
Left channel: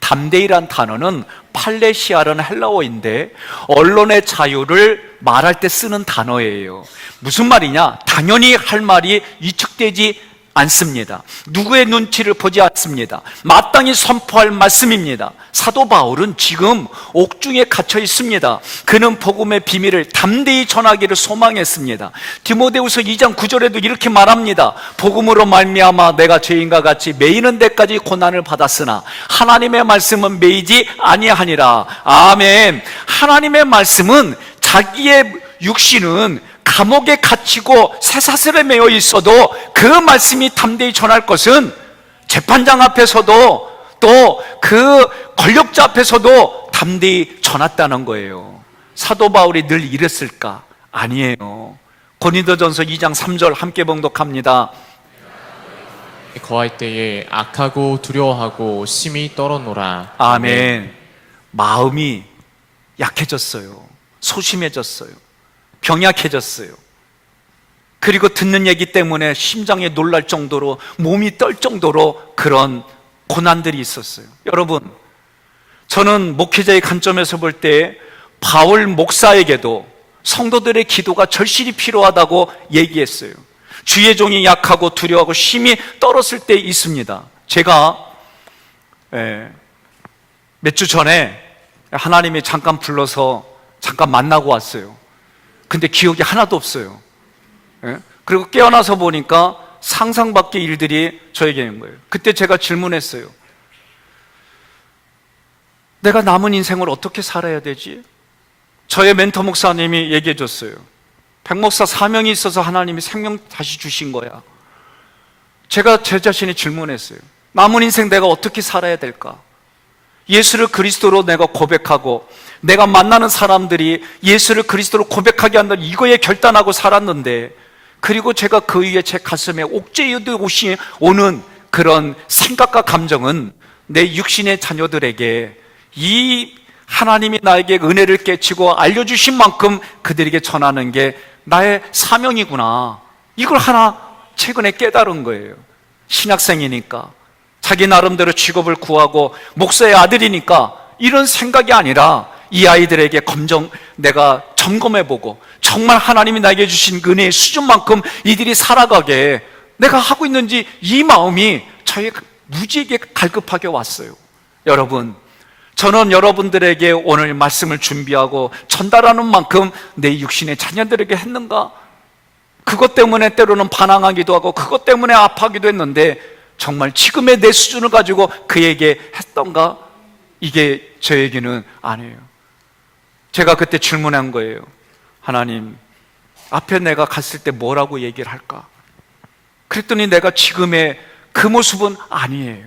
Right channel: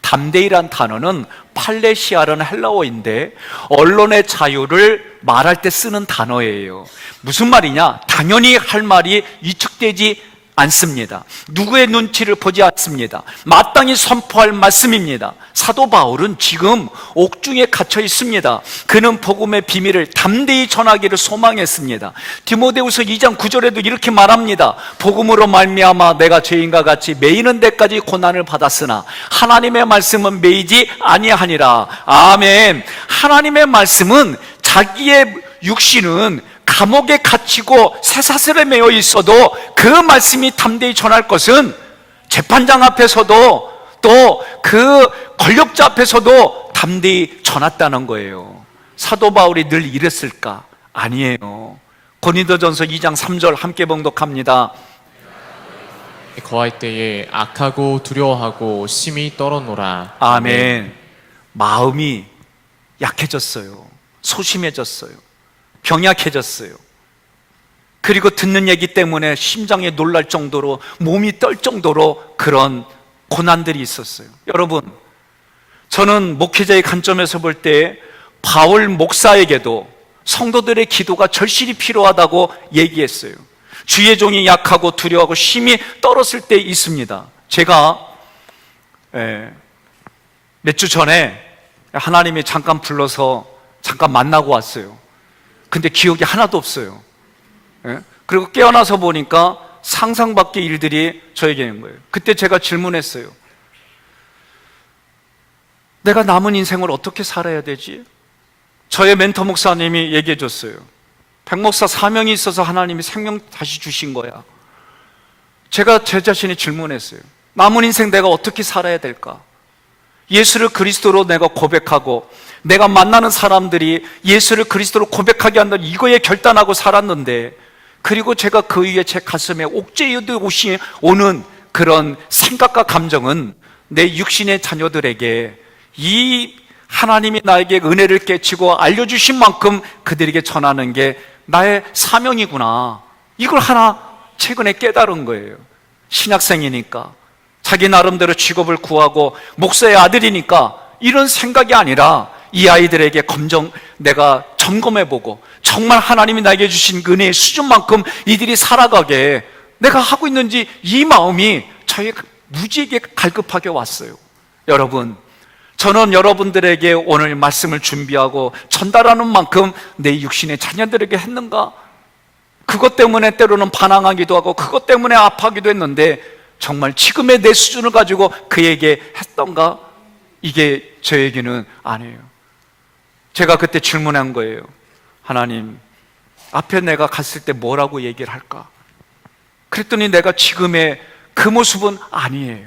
담대히란 단어는 팔레시아라는 헬라어인데 언론의 자유를 말할 때 쓰는 단어예요. 무슨 말이냐? 당연히 할 말이 위축되지 않습니다. 누구의 눈치를 보지 않습니다. 마땅히 선포할 말씀입니다. 사도 바울은 지금 옥중에 갇혀 있습니다. 그는 복음의 비밀을 담대히 전하기를 소망했습니다. 디모데후서 2장 9절에도 이렇게 말합니다. 복음으로 말미암아 내가 죄인과 같이 매이는 데까지 고난을 받았으나 하나님의 말씀은 매이지 아니하니라. 아멘. 하나님의 말씀은 자기의 육신은 감옥에 갇히고 쇠사슬에 매여 있어도 그 말씀이 담대히 전할 것은 재판장 앞에서도 또 그 권력자 앞에서도 담대히 전했다는 거예요. 사도 바울이 늘 이랬을까? 아니에요. 고린도전서 2장 3절 함께 봉독합니다. 거할 때에 악하고 두려워하고 심히 떨어노라. 아멘. 마음이 약해졌어요. 소심해졌어요. 병약해졌어요. 그리고 듣는 얘기 때문에 심장이 놀랄 정도로, 몸이 떨 정도로 그런 고난들이 있었어요. 여러분, 저는 목회자의 관점에서 볼 때 바울 목사에게도 성도들의 기도가 절실히 필요하다고 얘기했어요. 주의 종이 약하고 두려워하고 심히 떨었을 때 있습니다. 제가 몇 주 전에 하나님이 잠깐 불러서 잠깐 만나고 왔어요. 근데 기억이 하나도 없어요. 그리고 깨어나서 보니까 상상 밖의 일들이 저에게 있는 거예요. 그때 제가 질문했어요. 내가 남은 인생을 어떻게 살아야 되지? 저의 멘토 목사님이 얘기해 줬어요. 백 목사 사명이 있어서 하나님이 생명 다시 주신 거야. 제가 제 자신이 질문했어요. 남은 인생 내가 어떻게 살아야 될까? 예수를 그리스도로 내가 고백하고 내가 만나는 사람들이 예수를 그리스도로 고백하게 한다는 이거에 결단하고 살았는데, 그리고 제가 그 위에 제 가슴에 옥죄이듯이 오는 그런 생각과 감정은 내 육신의 자녀들에게 이 하나님이 나에게 은혜를 깨치고 알려주신 만큼 그들에게 전하는 게 나의 사명이구나. 이걸 하나 최근에 깨달은 거예요. 신학생이니까 자기 나름대로 직업을 구하고 목사의 아들이니까 이런 생각이 아니라 이 아이들에게 내가 점검해보고 정말 하나님이 나에게 주신 은혜의 수준만큼 이들이 살아가게 내가 하고 있는지, 이 마음이 저에게 무지하게 갈급하게 왔어요. 여러분, 저는 여러분들에게 오늘 말씀을 준비하고 전달하는 만큼 내 육신의 자녀들에게 했는가? 그것 때문에 때로는 반항하기도 하고 그것 때문에 아파하기도 했는데 정말 지금의 내 수준을 가지고 그에게 했던가? 이게 저에게는 아니에요. 제가 그때 질문한 거예요. 하나님, 앞에 내가 갔을 때 뭐라고 얘기를 할까? 그랬더니 내가 지금의 그 모습은 아니에요.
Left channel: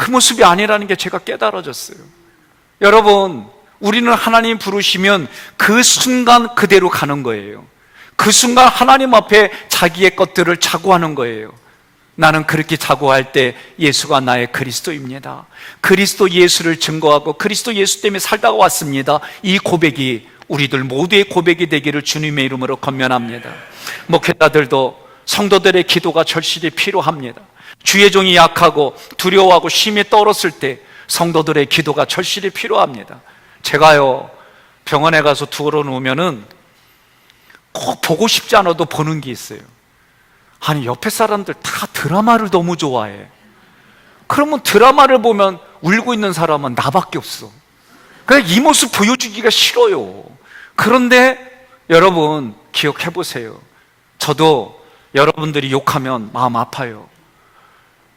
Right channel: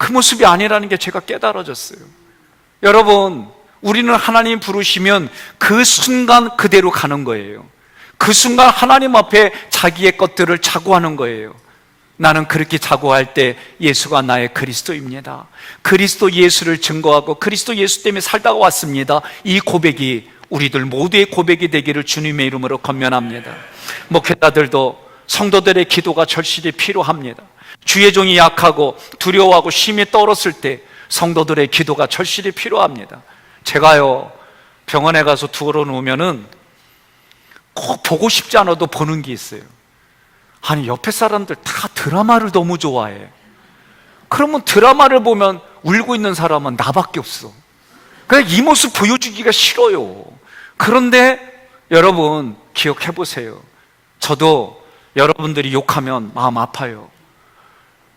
그 모습이 아니라는 게 제가 깨달아졌어요. 여러분, 우리는 하나님 부르시면 그 순간 그대로 가는 거예요. 그 순간 하나님 앞에 자기의 것들을 자고하는 거예요. 나는 그렇게 자고할 때 예수가 나의 그리스도입니다. 그리스도 예수를 증거하고 그리스도 예수 때문에 살다가 왔습니다. 이 고백이 우리들 모두의 고백이 되기를 주님의 이름으로 권면합니다. 목회자들도 성도들의 기도가 절실히 필요합니다. 주의 종이 약하고 두려워하고 심히 떨었을 때 성도들의 기도가 절실히 필요합니다. 제가요, 병원에 가서 두고 누우면은 꼭 보고 싶지 않아도 보는 게 있어요. 아니, 옆에 사람들 다 드라마를 너무 좋아해. 그러면 드라마를 보면 울고 있는 사람은 나밖에 없어. 그냥 이 모습 보여주기가 싫어요. 그런데 여러분 기억해 보세요. 저도 여러분들이 욕하면 마음 아파요.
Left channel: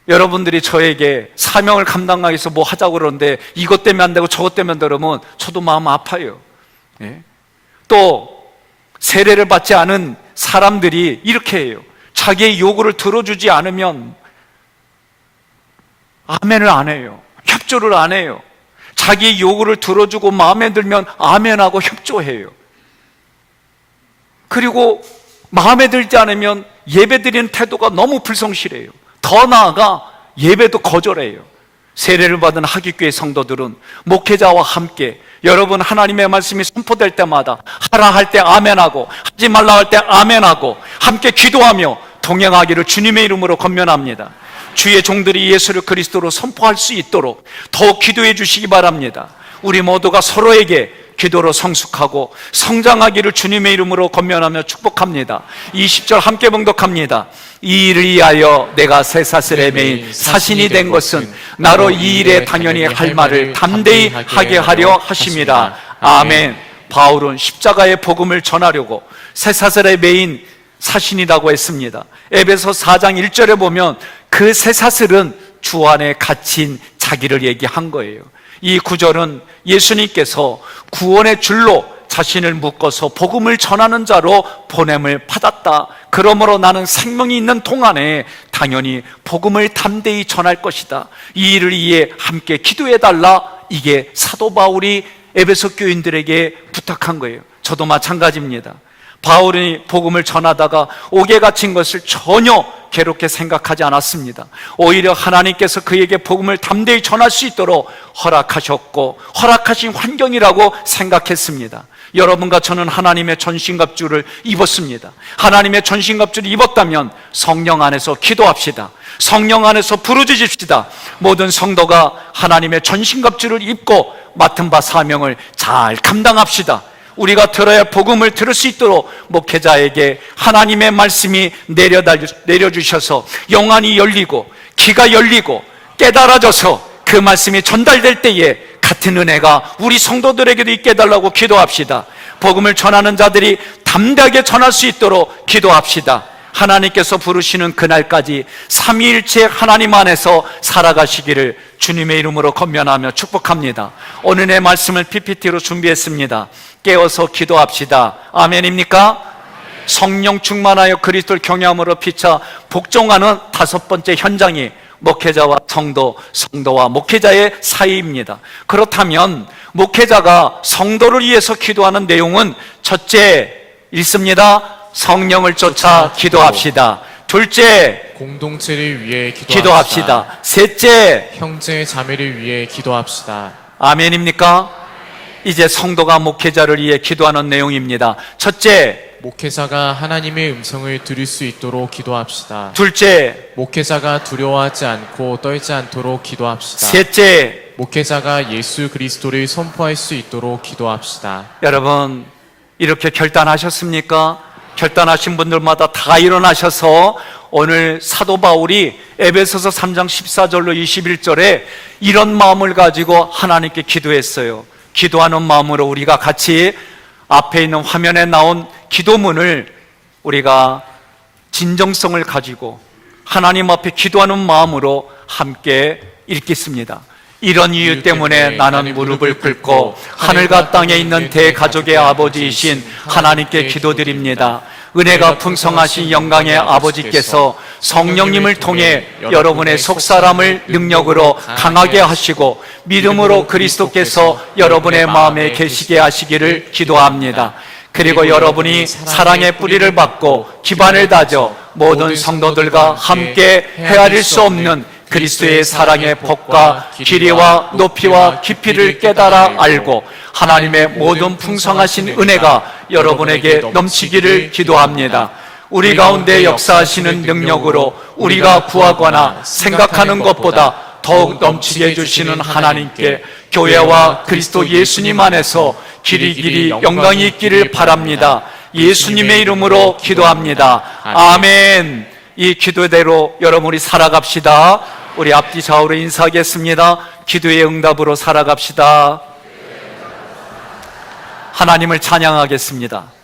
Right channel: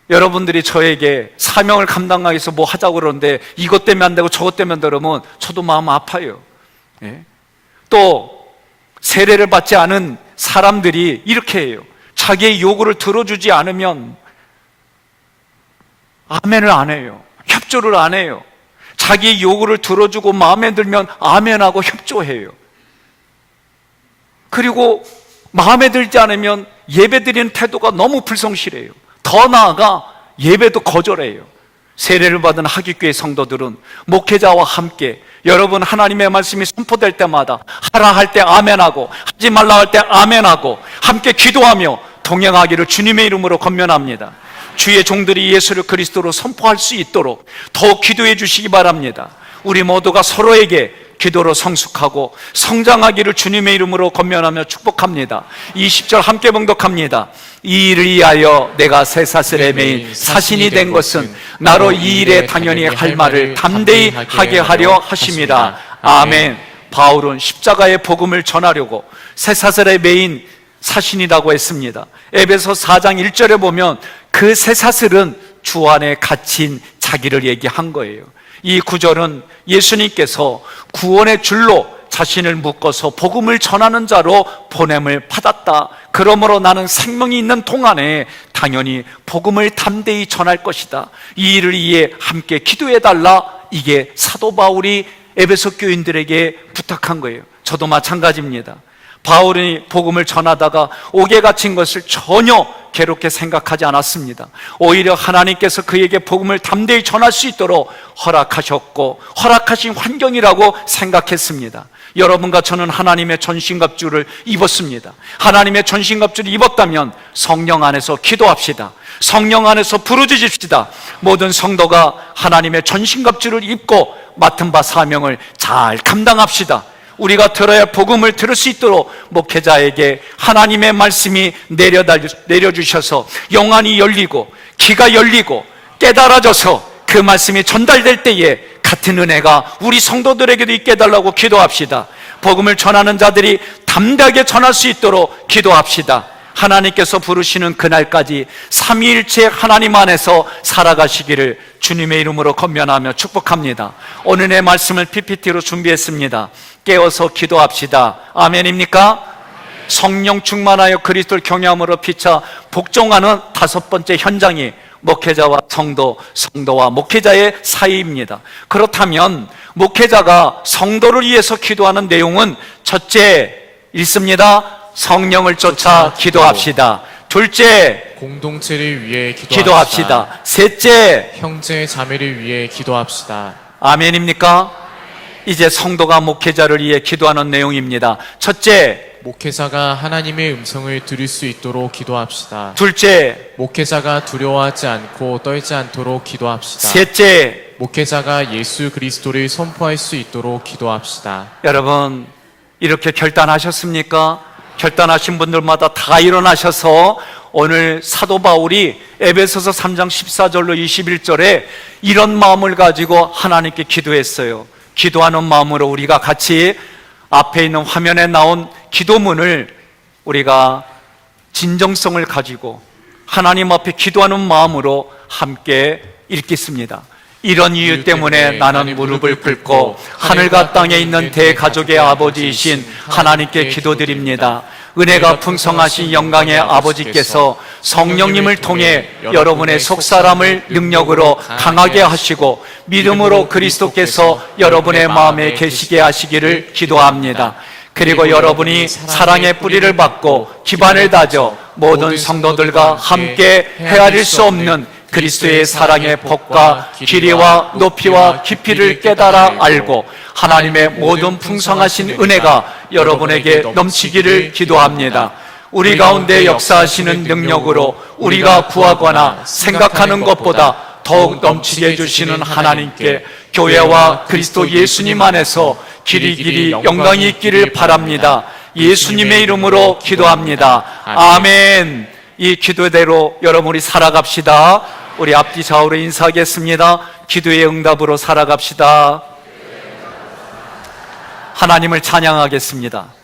여러분들이 저에게 사명을 감당하기 위해서 뭐 하자고 그러는데 이것 때문에 안 되고 저것 때문에 안 되면 저도 마음 아파요. 예? 또 세례를 받지 않은 사람들이 이렇게 해요. 자기의 요구를 들어주지 않으면 아멘을 안 해요. 협조를 안 해요. 자기 요구를 들어주고 마음에 들면 아멘하고 협조해요. 그리고 마음에 들지 않으면 예배드리는 태도가 너무 불성실해요. 더 나아가 예배도 거절해요. 세례를 받은 하기교회 성도들은 목회자와 함께 여러분 하나님의 말씀이 선포될 때마다 하라 할 때 아멘하고 하지 말라 할 때 아멘하고 함께 기도하며 동행하기를 주님의 이름으로 권면합니다. 주의 종들이 예수를 그리스도로 선포할 수 있도록 더 기도해 주시기 바랍니다. 우리 모두가 서로에게 기도로 성숙하고 성장하기를 주님의 이름으로 권면하며 축복합니다. 20절 함께 봉독합니다. 이 일을 위하여 내가 쇠사슬에 매인 사신이 된 것은 나로 이 일에 당연히 할 말을 담대히 하게 하려 하심이라. 아멘. 바울은 십자가의 복음을 전하려고 쇠사슬에 매인 사신이라고 했습니다. 에베소 4장 1절에 보면 그 쇠사슬은 주 안에 갇힌 자기를 얘기한 거예요. 이 구절은 예수님께서 구원의 줄로 자신을 묶어서 복음을 전하는 자로 보냄을 받았다. 그러므로 나는 생명이 있는 동안에 당연히 복음을 담대히 전할 것이다. 이 일을 위해 함께 기도해달라. 이게 사도 바울이 에베소 교인들에게 부탁한 거예요. 저도 마찬가지입니다. 바울이 복음을 전하다가 옥에 갇힌 것을 전혀 괴롭게 생각하지 않았습니다. 오히려 하나님께서 그에게 복음을 담대히 전할 수 있도록 허락하셨고 허락하신 환경이라고 생각했습니다. 여러분과 저는 하나님의 전신갑주를 입었습니다. 하나님의 전신갑주를 입었다면 성령 안에서 기도합시다. 성령 안에서 부르짖읍시다. 모든 성도가 하나님의 전신갑주를 입고 맡은 바 사명을 잘 감당합시다. 우리가 들어야 할 복음을 들을 수 있도록 목회자에게 하나님의 말씀이 내려주셔서 영안이 열리고 귀가 열리고 깨달아져서 그 말씀이 전달될 때에 같은 은혜가 우리 성도들에게도 있게 해달라고 기도합시다. 복음을 전하는 자들이 담대하게 전할 수 있도록 기도합시다. 하나님께서 부르시는 그날까지 삼위일체 하나님 안에서 살아가시기를 주님의 이름으로 권면하며 축복합니다. 오늘의 말씀을 PPT로 준비했습니다. 깨어서 기도합시다. 아멘입니까? 성령 충만하여 그리스도를 경외함으로 피차 복종하는 다섯 번째 현장이 목회자와 성도, 성도와 목회자의 사이입니다. 그렇다면 목회자가 성도를 위해서 기도하는 내용은 첫째 읽습니다. 성령을 쫓아 기도합시다. 둘째, 공동체를 위해 기도합시다. 셋째, 형제 자매를 위해 기도합시다. 아멘입니까? 이제 성도가 목회자를 위해 기도하는 내용입니다. 첫째, 목회자가 하나님의 음성을 들을 수 있도록 기도합시다. 둘째, 목회자가 두려워하지 않고 떨지 않도록 기도합시다. 셋째, 목회자가 예수 그리스도를 선포할 수 있도록 기도합시다. 여러분 이렇게 결단하셨습니까? 결단하신 분들마다 다 일어나셔서 오늘 사도 바울이 에베소서 3장 14절로 21절에 이런 마음을 가지고 하나님께 기도했어요. 기도하는 마음으로 우리가 같이 앞에 있는 화면에 나온 기도문을 우리가 진정성을 가지고 하나님 앞에 기도하는 마음으로 함께 읽겠습니다. 이런 이유 때문에 나는 무릎을 꿇고 하늘과 땅에 있는 대가족의 아버지이신 하나님께 기도드립니다. 은혜가 풍성하신 영광의 아버지께서 성령님을 통해 여러분의 속사람을 능력으로 강하게 하시고 믿음으로 그리스도께서 여러분의 마음에 계시게 하시기를 기도합니다. 그리고 여러분이 사랑의 뿌리를 받고 기반을 다져 모든 성도들과 함께 헤아릴 수 없는 그리스도의 사랑의 복과 길이와 높이와 깊이를 깨달아 알고 하나님의 모든 풍성하신 은혜가 여러분에게 넘치기를 기도합니다. 우리 가운데 역사하시는 능력으로 우리가 구하거나 생각하는 것보다 더욱 넘치게 해주시는 하나님께 교회와 그리스도 예수님 안에서 길이 영광이 있기를 바랍니다. 예수님의 이름으로 기도합니다. 아멘. 이 기도대로 여러분이 살아갑시다. 우리 앞뒤 좌우로 인사하겠습니다. 기도의 응답으로 살아갑시다. 하나님을 찬양하겠습니다.